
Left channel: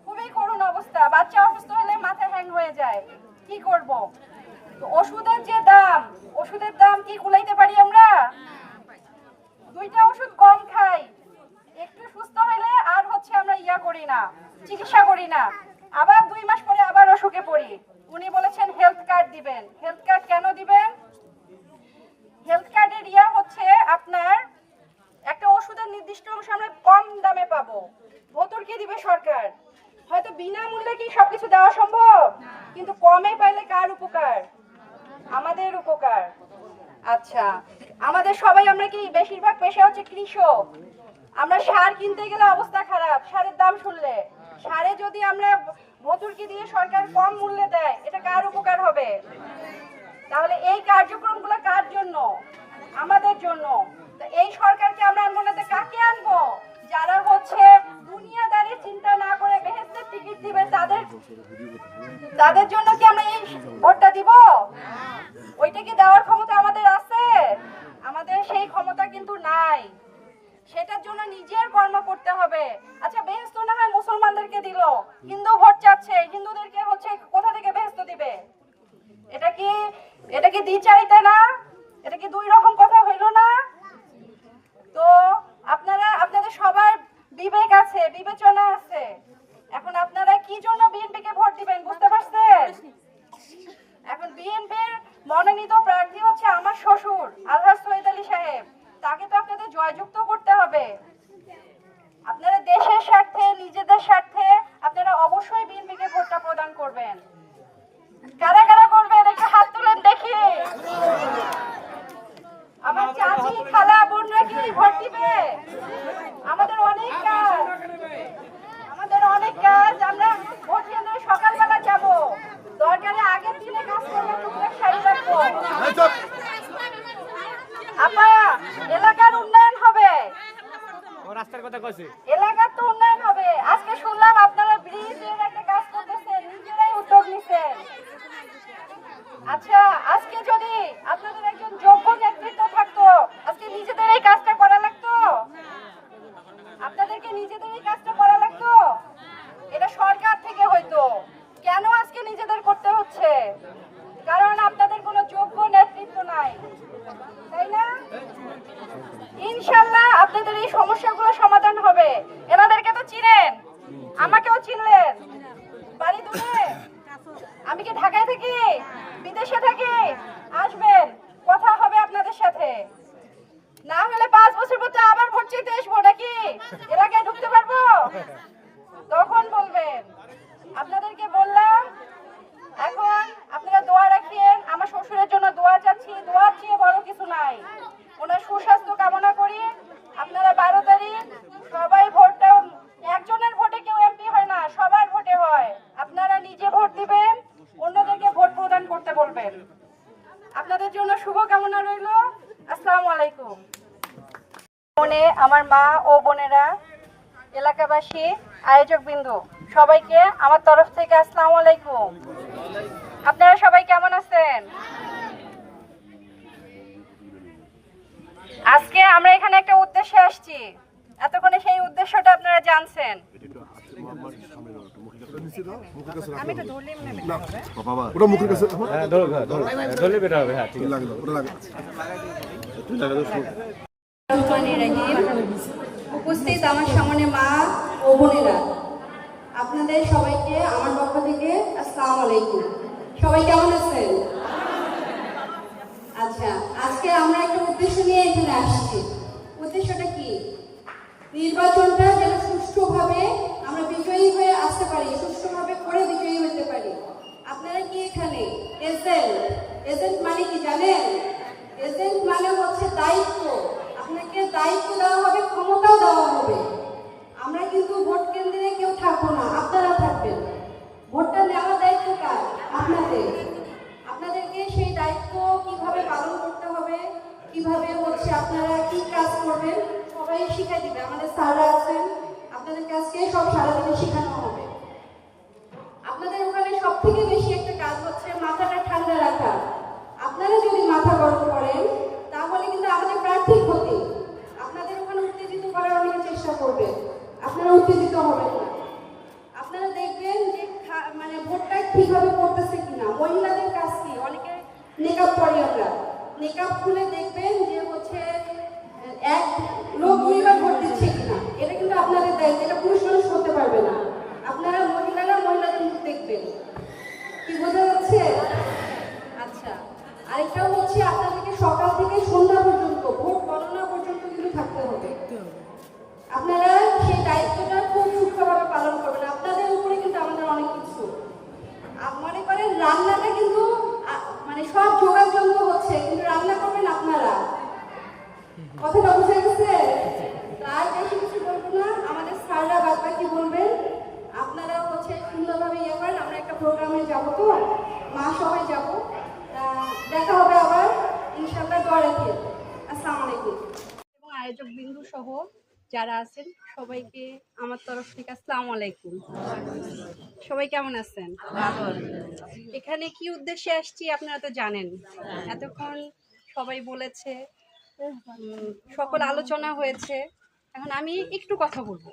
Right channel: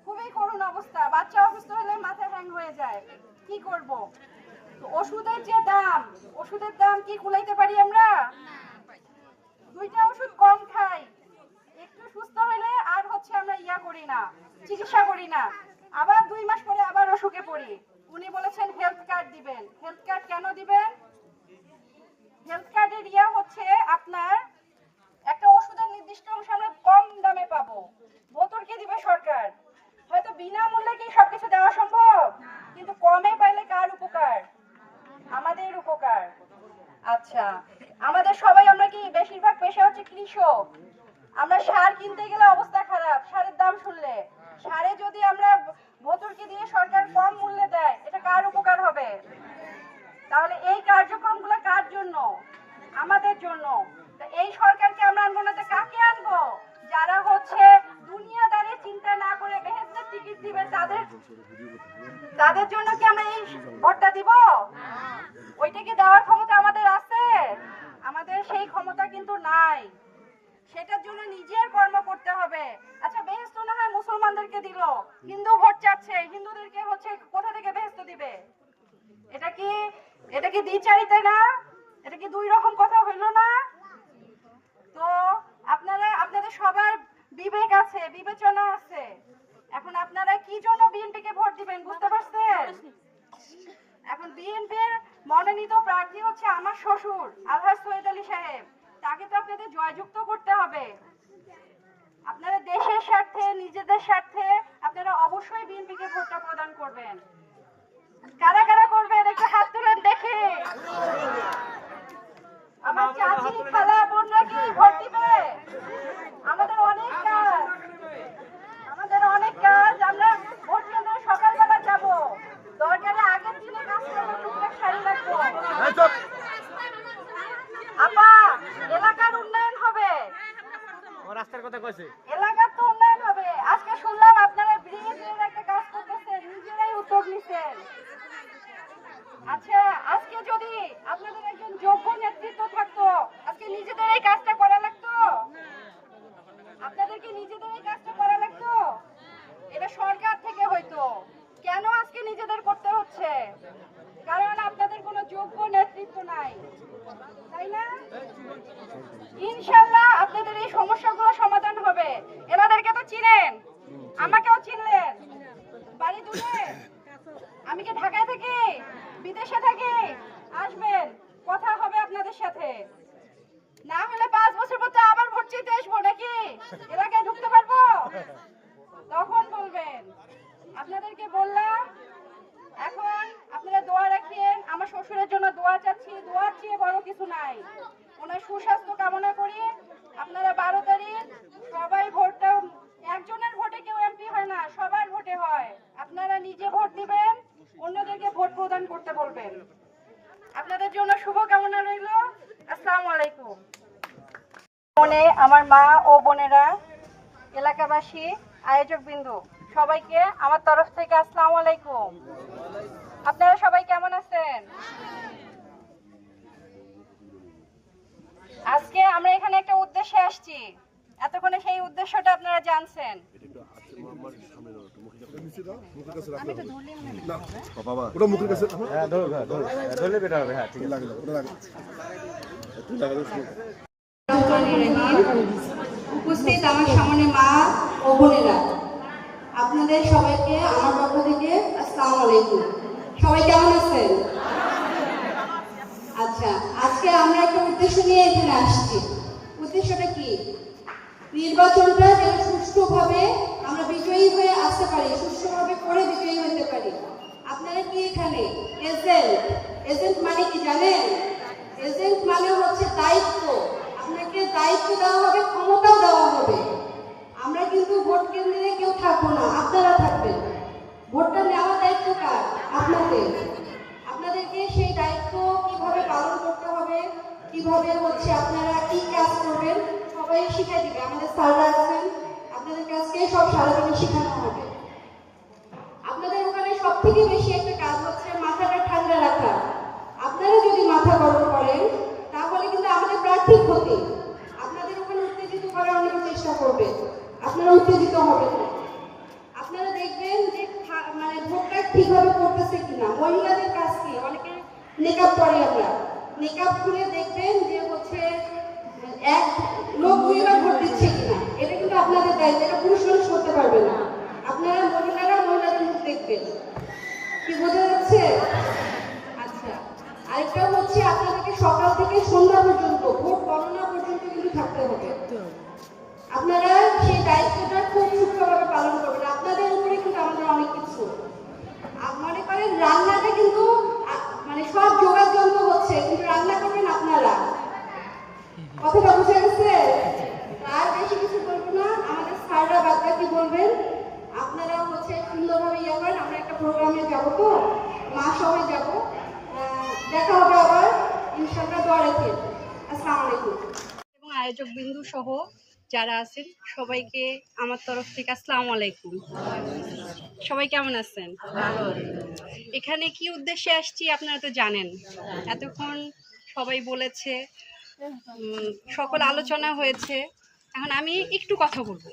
খুবই করুণ অবস্থা। বাচ্চা অসুস্থ হলে মাথা হ্যাং হয়ে যায়, কি করব? তো ওষুধের যে দাম, ওষুধের দাম কি কুলাইতে পারি আমরা? 2টা ওষুধ কম খাই, একটু সুস্থ হলে আর হচ্ছে আমরা করি না, চিকিৎসা করি না, আবার 2 মাস পরে আবার অসুখে পড়ি। উনি বলেছেন হেলথ কার্ড দিবেন। হেলথ কার্ড কেন দিবেন? হেলথ কার্ডের হচ্ছে আপনার একটা ওষুধের নির্দিষ্ট অংশ আমরা কম দামে পাবো। ভর্তুকি দিবে সরকার। হয়তো বিনামূল্যে কি সবকিছু দেওয়া সম্ভব, কিন্তু কমে পাইলে কার উপকার? আমাদের উপকার। আচ্ছা, আমাদের সবাই আমরা কি বেশিরভাগ পেশা হচ্ছে কৃষক। আমরা সার কিনতে গেলে অবস্থা খারাপ, সারের দাম শুনলে। সারে যদি আমরা ভর্তুকি দিয়ে সরকার কম মূল্যে দেয়, এটা কার উপকার হবে? তাহলে এই কার্যক্রমগুলো কার জন্য? আমাদের জন্য। তো এই সরকারকে আমরা আনবো না, কাকে আনবো? যারা হচ্ছে দুনিয়াদারির চিন্তা না করে বেহেশতের টিকিট দিবে, তাদের জন্য কি আমরা এই ভোটটা দিব? ওইটা কি দেওয়ার ক্ষমতা আমাদের আছে? আমাদের সেই ক্ষমতা কিন্তু নাই। সেটার জন্য নিজের কর্ম করতে হবে। আচ্ছা, বেহেশত না হয় মুসলমানদেরকে দিল, হিন্দু ভোট চাচ্ছে, হিন্দুদেরকে হচ্ছে কোথা থেকে বেহেশত দিবে? এটা কি দ্বিচারিতা না? এটা কি 2 রকম কথা হইল না? তো আপনাদের সবার বিবেক আছে, বিবেচনা আছে। এখন আপনারা কি জন্য বিএনপিকে ভোট দিবেন বুঝতে পারছেন? এখন বিএনপির মনোনীত প্রার্থী হচ্ছে আমার শ্বশুর আলহাজ সৈয়দ আলী সাহেব। তাকে তো আপনাদের জয়যুক্ত করতে হবে। আপনারা দেশের স্বার্থে, নিজেদের স্বার্থে আপনারা অবশ্যই বিএনপিকে ভোটটা প্রদান করবেন। কারা কারা করবেন একটু হাত তুলেন দেখি। আমার চাচি, খালা, বোনরা কি ভোট দিবে? আমাদের অনেক কাজ। আমরা ভোট কেন্দ্রে সকালবেলা যাব, দরকারে আগের দিনে কাজ করবো, টুকটাক সারি রাখবো। আপা, এলাকার উন্নয়ন হবে, রাস্তার কথা কইছে। এলাকার তো উন্নয়ন হবে। আজকে শুনলাম আপনারা ব্রিজের একটা কাজ করতেছেন, নিজেরাই উদ্যোগ নিছেন। আচ্ছা, আজকে যদি আপনাদের একজন যোগ্য নেতৃত্ব থাকতো, আজকে নিজেদের এই কাজটা করা লাগতো? আপনাদেরকে নিজেদের এই কাজটা করা লাগতো? এটা সরকার থেকে হইতো। কেন আজকে নিজেদের করতে হচ্ছে? কারণ আপনাদের কোনো যোগ্য নেতৃত্ব নাই, তাই না? ইনশাআল্লাহ আপনাদের এই সমস্যাগুলো সমাধান হবে। এনাদেরকে তো চিনেন, আমাকেও চিনলেন। বাড়ি দূরে, আমি কি ঢাকায় থাকি, বিদেশে থাকি? আসবেন, কথা হবে আপনাদের সাথে। না হলে 5 বছর পর আবার ভোট চাইতে আসবো নাকি? এলাকায় ঢুকতে পারবো? তখন বলবেন। আপনাদেরকে বললাম, এখন আপনারা দোয়া রাখিয়েন। আমার শ্বশুরের জন্য দোয়া চাচ্ছি। দোয়ার চেয়ে বড় কিছু নাই। ওনার সুস্বাস্থ্য কামনা করি। আপনারা 12 তারিখ সবাই ভোটটা, একজনের ভোটে কেউ এমপি হয় না, সবার ভোটে হয়। আপনারা নিজে ভোট দিবেন, অন্যদেরকে ভোট প্রদান করতে বলবেন। আপনাদের জন্য শুভ কামনা রইল। আসসালামু আলাইকুম। আমার মা ও বোনেরা, এলাকাবাসী, আয়োজক বিন্দু, সবাইকে আমার তরফ থেকে আসসালামু আলাইকুম। আপনারা সবাই কেমন আছেন? আজকে আমরা এখানে একটা উদ্দেশ্যে আসছি। এতক্ষণে সেই উদ্দেশ্যটা আপনারা জানছেন। আমি তো ধরলিম না বাবা, ওটা মুখের কাছে। হ্যাঁ, ধরলে বেটা হবে। হ্যাঁ, ঠিক আছে, ওটা লাগে। তুই লাগা দাও। উপস্থিত আমার সামনে মা ও বোনেরা, আপনাদের সবাইকে আমার পক্ষ থেকে আসসালামু আলাইকুম। সবাই কেমন আছেন? আচ্ছা, আজকে আমরা একটা উদ্দেশ্য নিয়ে এখানে আসছি। উদ্দেশ্যটা কি? নির্বাচনটা যেন সুষ্ঠুভাবে আমরা বিজয়ী হয়ে আসতে পারি, সুষ্ঠুভাবে করে বিজয়ী হতে পারি। আপনারা কি এখানে এজেন্ট মানে কি জানেন? এজেন্ট মানে হচ্ছে দায়িত্ব। আপনাকে দায়িত্ব দেওয়া হবে, ক্ষমতাও দেওয়া হবে। আমরা কিন্তু ভোট কেন্দ্রে কেউ থাকবো না, আপনারা থাকবেন। ভোটটা নেওয়ার দায়িত্ব কার? আপনাদের। আপনাদেরকে সেই দায়িত্ব কিভাবে পালন করতে হবে, কিভাবে আপনারা কি কাজ করবেন সবাই শিখাই দিবে। আমাদের স্যাররা আছেন, আপনাদের কাছে সব সারাদিনে শেখানো হবে। আপনাদের ওখানে সব থেকে বেশি একটা কাজ হচ্ছে মাথাটা ঠান্ডা রাখা। আপনারা যদি মাথা গরম করেন তাহলে কিন্তু আমাদের প্রার্থীর ক্ষতি। আপনাদের ওখানে উত্তেজিত করার অনেক চেষ্টা করবে, আপনারা উত্তেজিত হবেন না। আপনারা দেখবেন যে মানে ভোটটা ঠিকভাবে করতেছে কিনা। মহিলাদের কাজ কি, অনেকে মেকআপ পরে, আমরা মেকআপ খুলে দেখবেন যে এক লোক দুইবার ভোট দিচ্ছে কিনা। এটা কিন্তু আপনাদের দায়িত্ব, এটা পুরুষ মানুষ করতে পারবে না। আপনারা মহিলাদের মুখ দেখবেন। কি বোঝা যাচ্ছে? আচ্ছা, আরেকটাও আপনাদেরকে সকাল থেকে সন্ধ্যা পর্যন্ত ভোট গণনা পর্যন্ত কিন্তু থাকতে হবে। আপনারা সেই দায়িত্বটা খুব সূক্ষ্মভাবে পালন করবেন। আপনাদের উপরে কিন্তু আমাদের অনেক কিছু। মনে করেন রান্নাটা কিন্তু মানে সব জোগাড় যন্ত্র হচ্ছে, কিন্তু রান্না করবেন আপনারা। কথাটা বুঝে গেছে? আর বেশি কিছু বলবো না, আমাদের স্যাররা বাদ বাকি বলবেন। আপনারা সুন্দরভাবে ইয়ে করেন। আমরা একটা প্রোগ্রামে যাবো, তো মা সবাই যাবো। দেখা হবে আবার ইনশাআল্লাহ। দোয়া রাখেন। আসসালামু আলাইকুম। এবং আয়োজক বিন্দু সহ যারা আছেন সবাইকে আমার তরফ থেকে আসসালামু আলাইকুম। সবাই কেমন আছেন? এখানে কি উদ্দেশ্যে আসছি আপনারা তো জানেন। এতক্ষণ সবাই বলেছে, সকল আলোচনা হয়েছে। এখন আমি একটু কথা বলবো।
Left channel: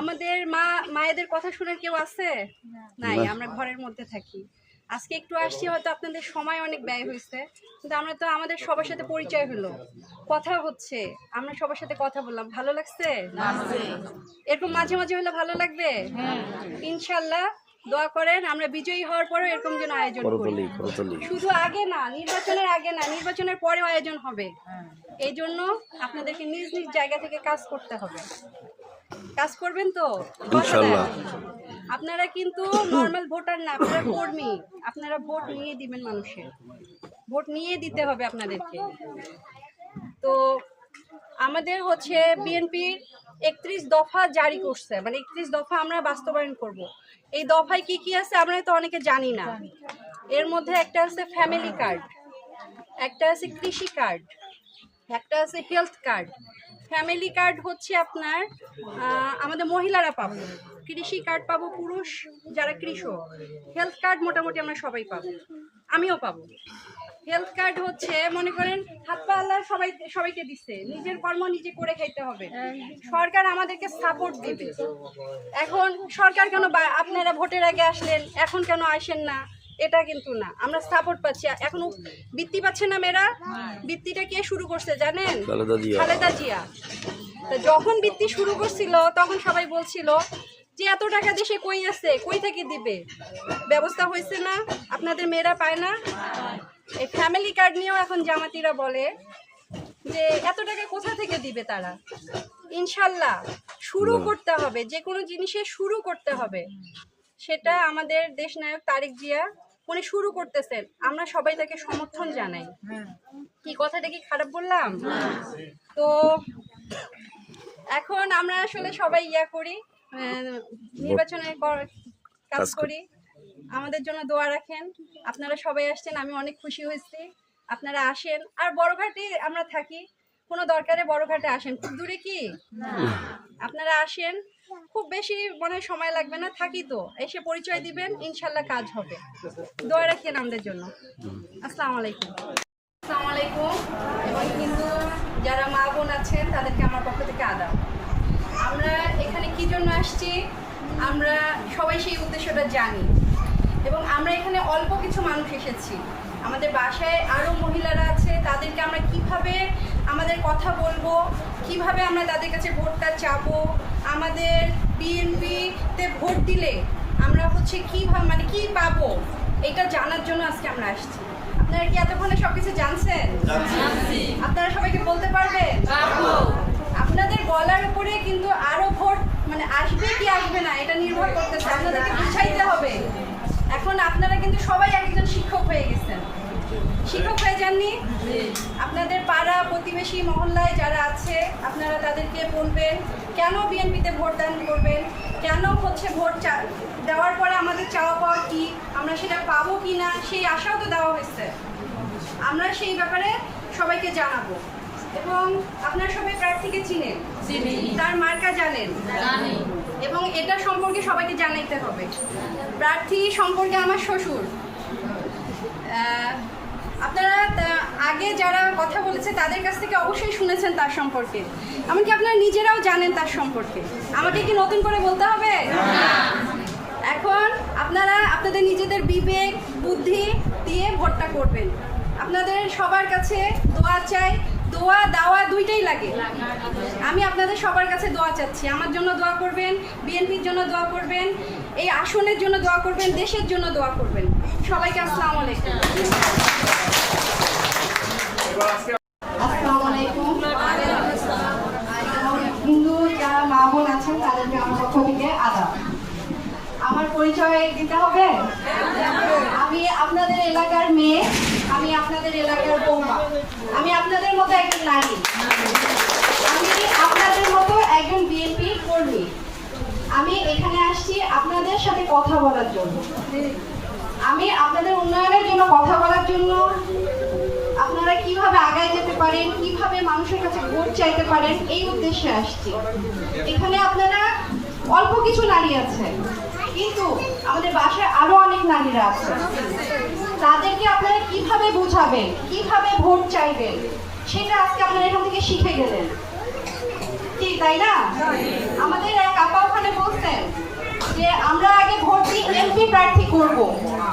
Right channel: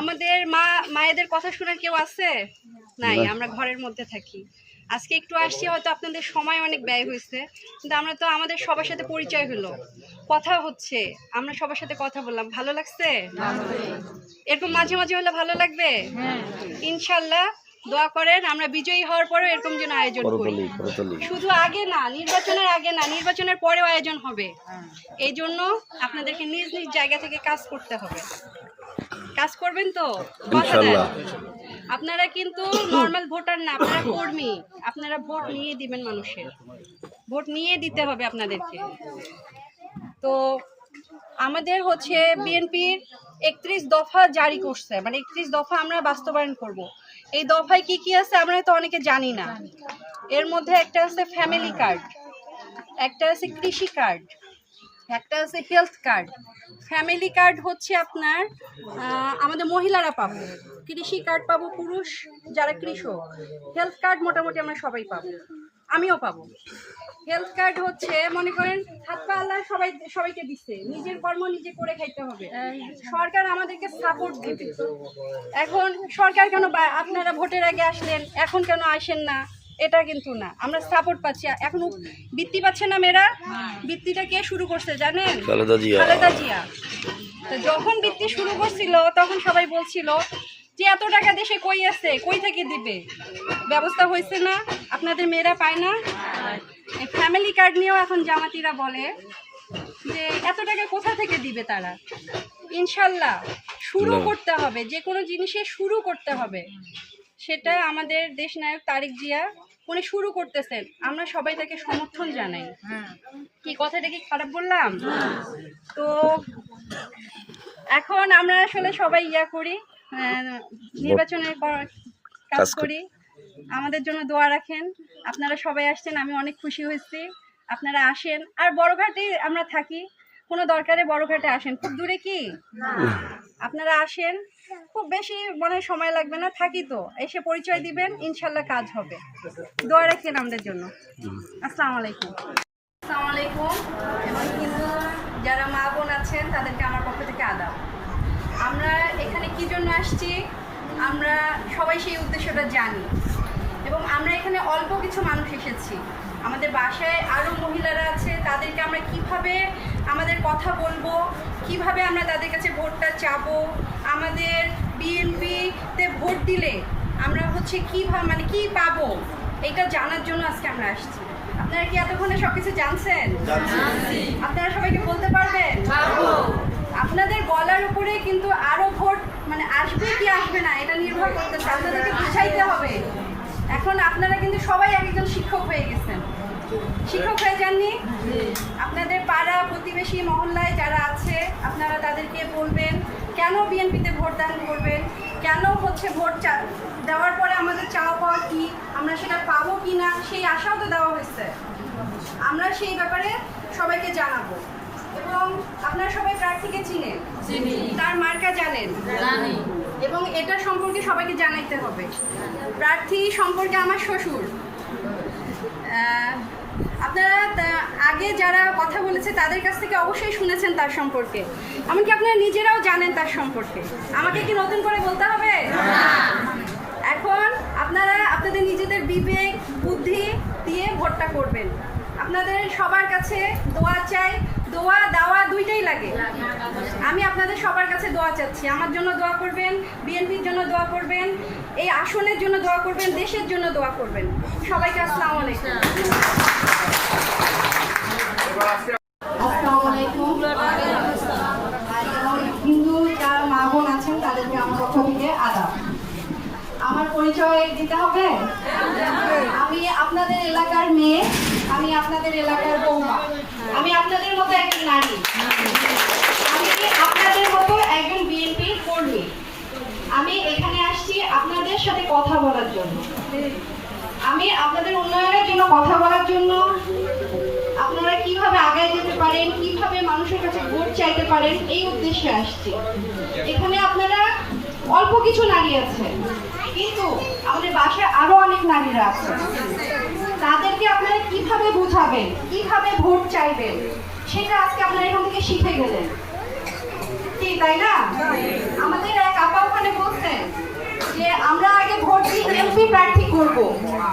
আমাদের মায়েদের কথা শোনার কেউ আছে? নাই, আমরা ঘরের মধ্যে থাকি। আজকে একটু আসছি, হয়তো আপনাদের সময় অনেক ব্যয় হয়েছে, কিন্তু আমরা তো আমাদের সবার সাথে পরিচয় হলো, কথা হচ্ছে, আমরা সবার সাথে কথা বললাম। ভালো লাগছে? এরকম মাঝে মাঝে হলে ভালো লাগবে। ইনশাল্লাহ দোয়া করেন আমরা বিজয়ী হওয়ার পরেও এরকম যেন আয়োজন করি। শুধু আগে না, নির্বাচনের আগে না, নির্বাচনের পরেও আয়োজন হবে। এই জন্য আপনাদেরকে নিজ নিজ জায়গা থেকে কাজ করতে হবে। কাজ করবেন তো? আপনারা কিন্তু নর্মাল ভোটার না, আপনারা কর্মী। আপনারা ভোট নিয়ে দিবেন মানুষের, ভোট নিয়ে দিতে হবে আপনাদেরকে। তো আমাদের বিএনপির 31 দফা জারি করছে, মানে 31 দফা আমরা বাস্তবায়ন করব। এই দফায় কি কি আছে আমরা তো অনেকে জানি না। এর মধ্যে একটা আছে ফ্যামিলি কার্ড, একটা আছে কৃষি কার্ড, একটা আছে হেলথ কার্ড। ফ্যামিলি কার্ড আপনার আমাদের মহিলারা পাবো, কৃষি কার্ড পাবো পুরুষ যারা কৃষক, হেলথ কার্ড মোটামুটি আমরা সবাই পাবো, আমিও পাবো। হেলথ কার্ড মনে করেন হাত পা আল্লাহ সবাইকে দিচ্ছে, নিজের কর্ম নিজে করে খাইতে হবে। সরকার আমাদেরকে সাপোর্ট দিবে। এখন সরকার কেন আপনারা ভোটের আগে আসলেন এখন কেন আসেন না, এটা কিন্তু না, আমরা সাপোর্ট পাচ্ছি। এখন বৃত্তি পাচ্ছে না মেয়েরা, বৃত্তিটা কে শুরু করছে জানেন? খালেদা জিয়া। তো যখন বৃত্তি শুরু করছিল তখন সবাই বলছিল যে এত টাকা দেশে কই আছে, কই থেকে দিবে, ব্যবস্থা হয়েছে না, আপনাদের মেয়েরা পায় না। এই ফ্যামিলি কার্ড নিয়েও এখন জামাতিরা বলে যে এত টাকা কোথা থেকে দিবে তারা। ইনশাল্লাহ শুরু করতে হবে, যে কোনো জিনিসে শুরু করতে হবে। সেটা আমাদের দেশনায়ক তারেক জিয়া উনি শুরু করতেছেন, আমরা সবাই তাকে সমর্থন জানাই। কি কথাটা কি খারাপ বললাম? তো এখন আমরা আসলে সবাই করি, নির্বাচনের কাজ করি। আমাদের জন্য দোয়া রাখেন। আপনারা সবাই আসছেন, আমি অনেক খুশি হয়েছি। আপনারা আসেন। আর বড়ঘাটে আমরা থাকি, কোনো দরকারে বড়ঘাটে আসেন, খুব দূরে কি আপনারা আসেন, খুব বেশি মনে সময় লাগবে না, থাকি তো, এসে পরিচয় দিবেন, ইনশাল্লাহ কাজ হবে। দোয়া রাখেন আমাদের জন্য। আসসালামু আলাইকুম। আসসালামু আলাইকুম। এবং কিন্তু যারা মা বোন আছেন তাদেরকে আমার পক্ষ থেকে আদাব। আমরা এখানে কি জন্য আসছি আমরা সবাই সেই উদ্দেশ্যটা জানি, এবং আমরা এখানে অল্প কিছু মানুষ এসেছি। আমাদের বাসায় আরও মহিলারা আছে, তাদেরকে আমরা কিভাবে আমাদের কথা বলবো, কিভাবে আমরা তাদের কাছে ভোটটা চাবো, আমাদের বিএনপিতে ভোট দিলে আমরা কিভাবে মানে কি পাবো, এটা জানার জন্য আজকে আমরা আসছি। আপনারা কি এতক্ষণে সবকিছু জানছেন? আপনারা সবাইকে বলতে পারবেন? আপনাদের বলার উপরে কিন্তু আরো ভোট মানে আসবে কি আসবে না এটা নির্ভর করতেছে, আপনাদেরকে বুঝাইতে হবে। এখন আপনারা কিন্তু সবাই একজন শিক্ষক হয়ে গেছেন, শিক্ষক হয়ে যাননি? আপনাদের পাড়া প্রতিবেশী মহল্লায় যারা আছে আপনারা তাদেরকে বলবেন কেন বিএনপিতে ভোট দান করবেন, কেন হচ্ছে ভোট দেওয়ার পরে আমাদের চাওয়া পাওয়া কি, আমরা সেটা পাবো কি না সেই আশাও তো দেওয়া হয়েছে। আমরা সেই ব্যাপারে সবাইকে জানাবো এবং আপনারা সবাই প্রার্থীকে চিনেন, তার মার্কা জানেন এবং এটা সম্পর্কে সবাইকে জানাইতে হবে। প্রার্থী সম্পর্কে আমার শ্বশুর, আপনারা আগে যারা কথা বলেছে তাদের কাছ থেকে অবশ্যই শুনেছেন তার সম্পর্কে, এমনকি আপনারা নিজেরাও জানেন তার সম্পর্কে। আমাকে কি নতুন করে বলতে হবে? এখন আপনারা আপনাদের নিজেদের বিবেক বুদ্ধি দিয়ে ভোটটা করবেন। আপনাদের সবার কাছে দোয়া চাই, দোয়া দাওয়া দুইটাই লাগে। আমি আপনাদের সবার কাছে দোয়া চাচ্ছি, আমার জন্য দোয়া করবেন, বিএনপির জন্য দোয়া করবেন, এই আসনের জন্য দোয়া করবেন, দেশের জন্য দোয়া করবেন। সবাইকে আসসালামু আলাইকুম। আসসালামু আলাইকুম। হিন্দু যারা মা বোন আছেন তাদেরকে আমার পক্ষ থেকে আদাব। আমার পরিচয় দিতে হবে। আমি আপনাদের এলাকার মেয়ে, আমি আপনাদের এলাকার বৌমা, আমি আপনাদের মতো একজন নারী, আমি আপনাদের মতো একজন বিএনপি কর্মী। আমি এখানে আসছি আপনাদের সাথে কথা বলার জন্য, আমি আপনাদের উন্নয়নের জন্য কথা বলার জন্য, আপনারা কিভাবে আগায় যেতে পারেন, কিভাবে মানুষের কাছে ভোট চাইতে পারেন এই উদ্দেশ্যে আসছি। এখানে আপনারা অল্প কিছু নারী আছে, কিন্তু আমাদের বাসায় আরো অনেক নারীরা আছে। তাদেরকে আপনারা কিভাবে বুঝাবেন, কিভাবে ভোট চাইবেন সেটা আজকে আপনারা এখান থেকে শিখে গেলেন, ঠিক তাই না? আমাদের এক আপা ওখানে বলছেন যে আমরা আগে ভোট দিয়ে এমপি প্রার্থী করব,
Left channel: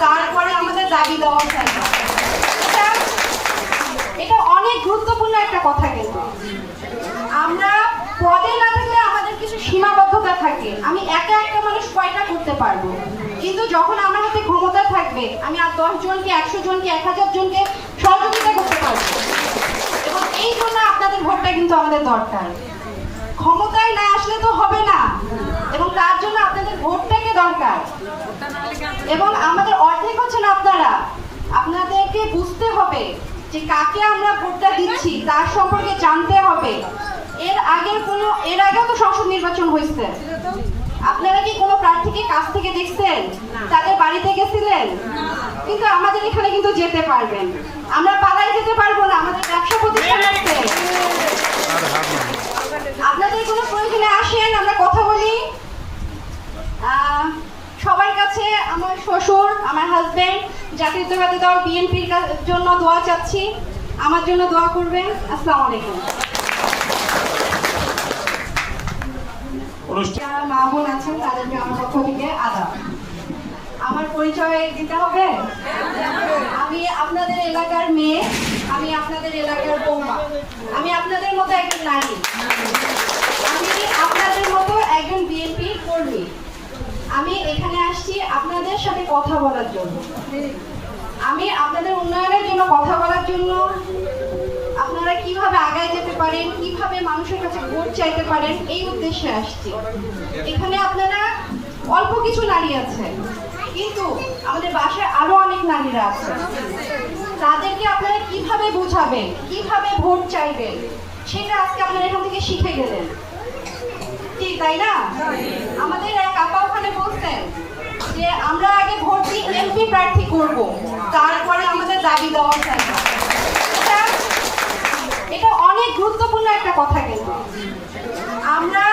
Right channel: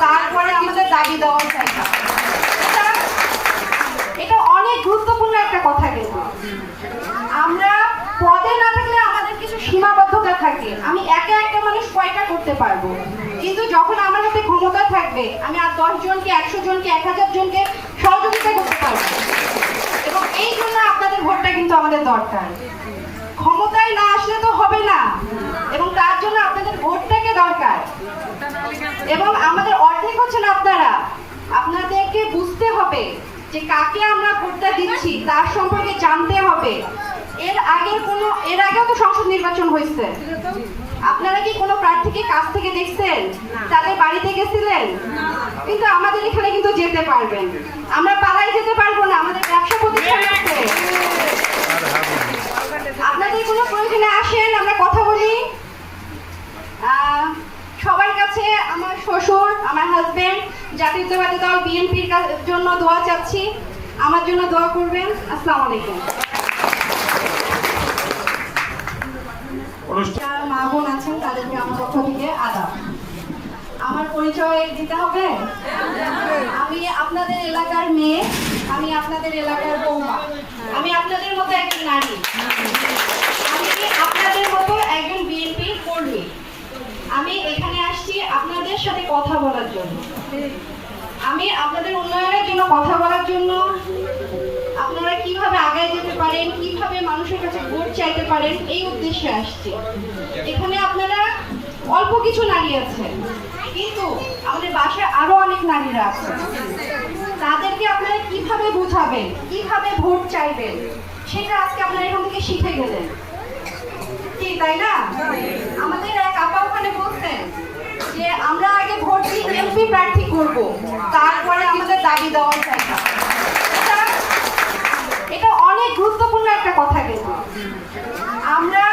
তারপরে আমাদের দাবি দেওয়া চাইবে। এটা অনেক গুরুত্বপূর্ণ একটা কথা। কিন্তু আমরা পদে না থাকলে আমাদের কিছু সীমাবদ্ধতা থাকে। আমি একা একটা মানুষ কয়টা করতে পারবো, কিন্তু যখন আমার হাতে ক্ষমতা থাকবে আমি আর 10 জনকে, 100 জনকে, 1000 জনকে সহযোগিতা করতে পারবো। এবং এই জন্য আপনাদের ভোটটা কিন্তু আমাদের দরকার। ক্ষমতায় না আসলে তো হবে না, এবং তার জন্য আপনাদের ভোটটাকে দরকার। এবং আমাদের অর্ধেক হচ্ছেন আপনারা। আপনাদেরকে বুঝতে হবে যে কাকে আমরা ভোটটা দিচ্ছি তার সম্পর্কে জানতে হবে। এর আগেও তো সংসদ নির্বাচন হয়েছে, আপনারা কি কোনো প্রার্থীকে কাছ থেকে দেখছেন, তাদের বাড়িতে গেছিলেন? কিন্তু আমাদের এখানে কিন্তু যেতে পারবেন, আমরা পালাই যেতে পারবো না, আমাদের ব্যবসা প্রতিষ্ঠান আছে। আপনাদের কোনো প্রয়োজনে আসেন, আমরা কথা বলি। সবার কাছে আমার শ্বশুর, আমার হাজবেন্ড, জাতীয়তাবাদী দল বিএনপির জন্য দোয়া চাচ্ছি, আমার জন্য দোয়া করবেন। আসসালামু আলাইকুম। যারা মা বোন আছেন তাদেরকে আমার পক্ষ থেকে আদাব। আমার পরিচয় দিতে হবে। আমি আপনাদের এলাকার মেয়ে, আমি আপনাদের এলাকার বৌমা, আমি আপনাদের মতো একজন নারী, আমি আপনাদের মতো একজন বিএনপি কর্মী। আমি এখানে আসছি আপনাদের সাথে কথা বলার জন্য, আমি আপনাদের উন্নয়নের জন্য কথা বলার জন্য, আপনারা কিভাবে আগায় যেতে পারেন, কিভাবে মানুষের কাছে ভোট চাইতে পারেন এই উদ্দেশ্যে আসছি। এখানে আপনারা অল্প কিছু নারী আছে, কিন্তু আমাদের বাসায় আরো অনেক নারীরা আছে। তাদেরকে আপনারা কিভাবে বুঝাবেন, কিভাবে ভোট চাইবেন সেটা আজকে আপনারা এখান থেকে শিখে গেলেন, ঠিক তাই না? আমাদের এক আপা ওখানে বলছেন যে আমরা আগে ভোট দিয়ে এমপি প্রার্থী করব, তারপরে আমাদের দাবি দেওয়া চাইবে। এটা অনেক গুরুত্বপূর্ণ একটা কথা। কিন্তু আমরা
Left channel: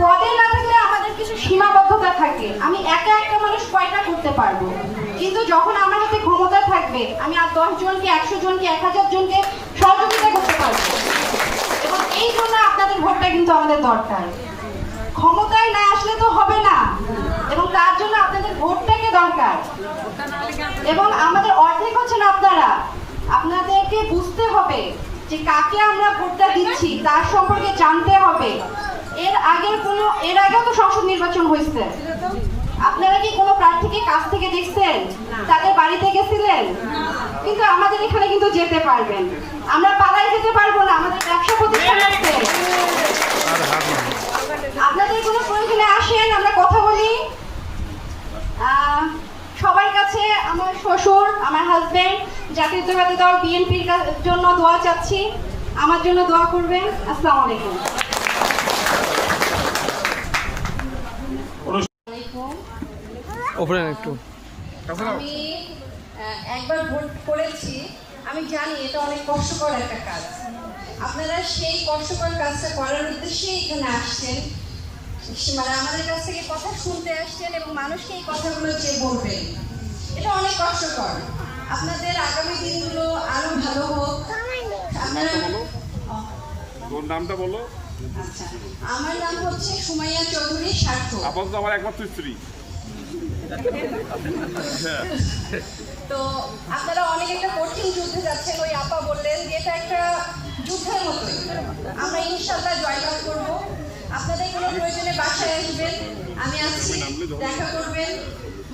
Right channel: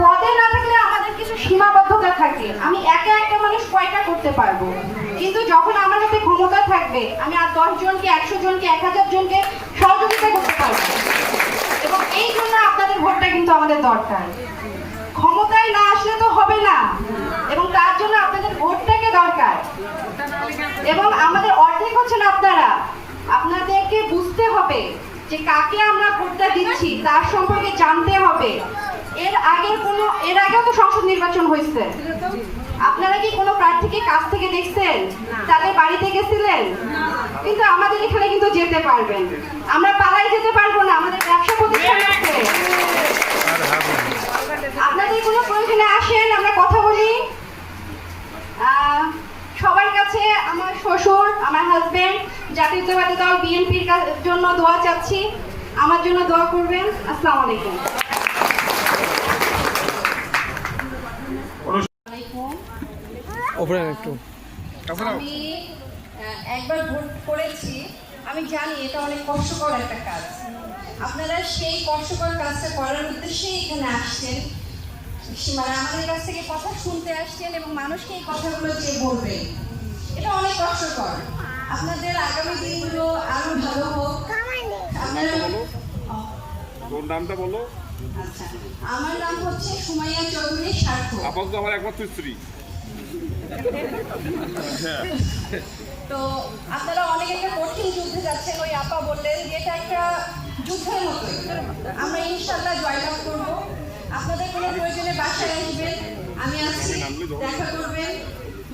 পদে না থাকলে আমাদের কিছু সীমাবদ্ধতা থাকে। আমি একা একটা মানুষ কয়টা করতে পারবো, কিন্তু যখন আমার হাতে ক্ষমতা থাকবে আমি আর 10 জনকে, 100 জনকে, 1000 জনকে সহযোগিতা করতে পারবো। এবং এই জন্য আপনাদের ভোটটা কিন্তু আমাদের দরকার। ক্ষমতায় না আসলে তো হবে না, এবং তার জন্য আপনাদের ভোটটাকে দরকার। এবং আমাদের অর্ধেক হচ্ছেন আপনারা। আপনাদেরকে বুঝতে হবে যে কাকে আমরা ভোটটা দিচ্ছি তার সম্পর্কে জানতে হবে। এর আগেও তো সংসদ নির্বাচন হয়েছে, আপনারা কি কোনো প্রার্থীকে কাছ থেকে দেখছেন, তাদের বাড়িতে গেছিলেন? কিন্তু আমাদের এখানে কিন্তু যেতে পারবেন, আমরা পালাই যেতে পারবো না, আমাদের ব্যবসা প্রতিষ্ঠান আছে। আপনাদের কোনো প্রয়োজনে আসেন, আমরা কথা বলি। সবার কাছে আমার শ্বশুর, আমার হাজবেন্ড, জাতীয়তাবাদী দল বিএনপির জন্য দোয়া চাচ্ছি। আমার জন্য দোয়া করবেন। আসসালামু আলাইকুম। আমি একবার ভোট করেছি, আমি জানি এটা অনেক কষ্টকর একটা কাজ। আপনারা সেই কষ্টকর কাজটা করার উদ্দেশ্যেই এখানে আসছেন, মানে আমাদের কাছ থেকে কথা শুনতে আসছেন এবং মানুষকে এই কথাগুলো দিয়ে বলবেন। এটা অনেক কষ্টকর। আপনাদের আগামী দিনগুলো আরো ভালো হোক। আপনারা তোর নামটা বলো। আচ্ছা, আমার নাম হচ্ছে সুমাইয়া চৌধুরী সার্থক। আপাতত আমার একমাত্র স্ত্রী। তো আপনারা অনেক একটা কঠিন যুদ্ধে যাচ্ছেন। ওই আপা বললেন যে এটা একটা যুদ্ধের মতোই, আমরা ইনশাল্লাহ জয়লাভ করব। আপনাদের কোনো প্রয়োজনে বাসায় আসবেন, আমি আছি, দেখা করবেন,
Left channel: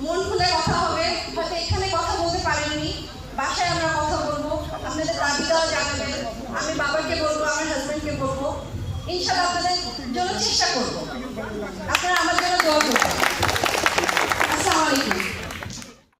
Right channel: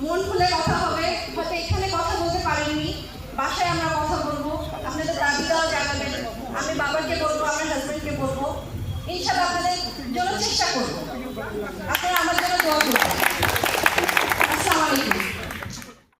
মন খুলে কথা হবে। হয়তো এখানে কথা বলতে পারেননি, বাসায় আমরা কথা বলবো, আপনাদের দাবিটাও জানাবেন। আমি বাবাকে বলবো, আমার হাজবেন্ডকে বলবো, ইনশাল্লাহ আপনাদের জন্য চেষ্টা করবো। আপনারা আমার জন্য দোয়া করবেন। আসসালামু আলাইকুম।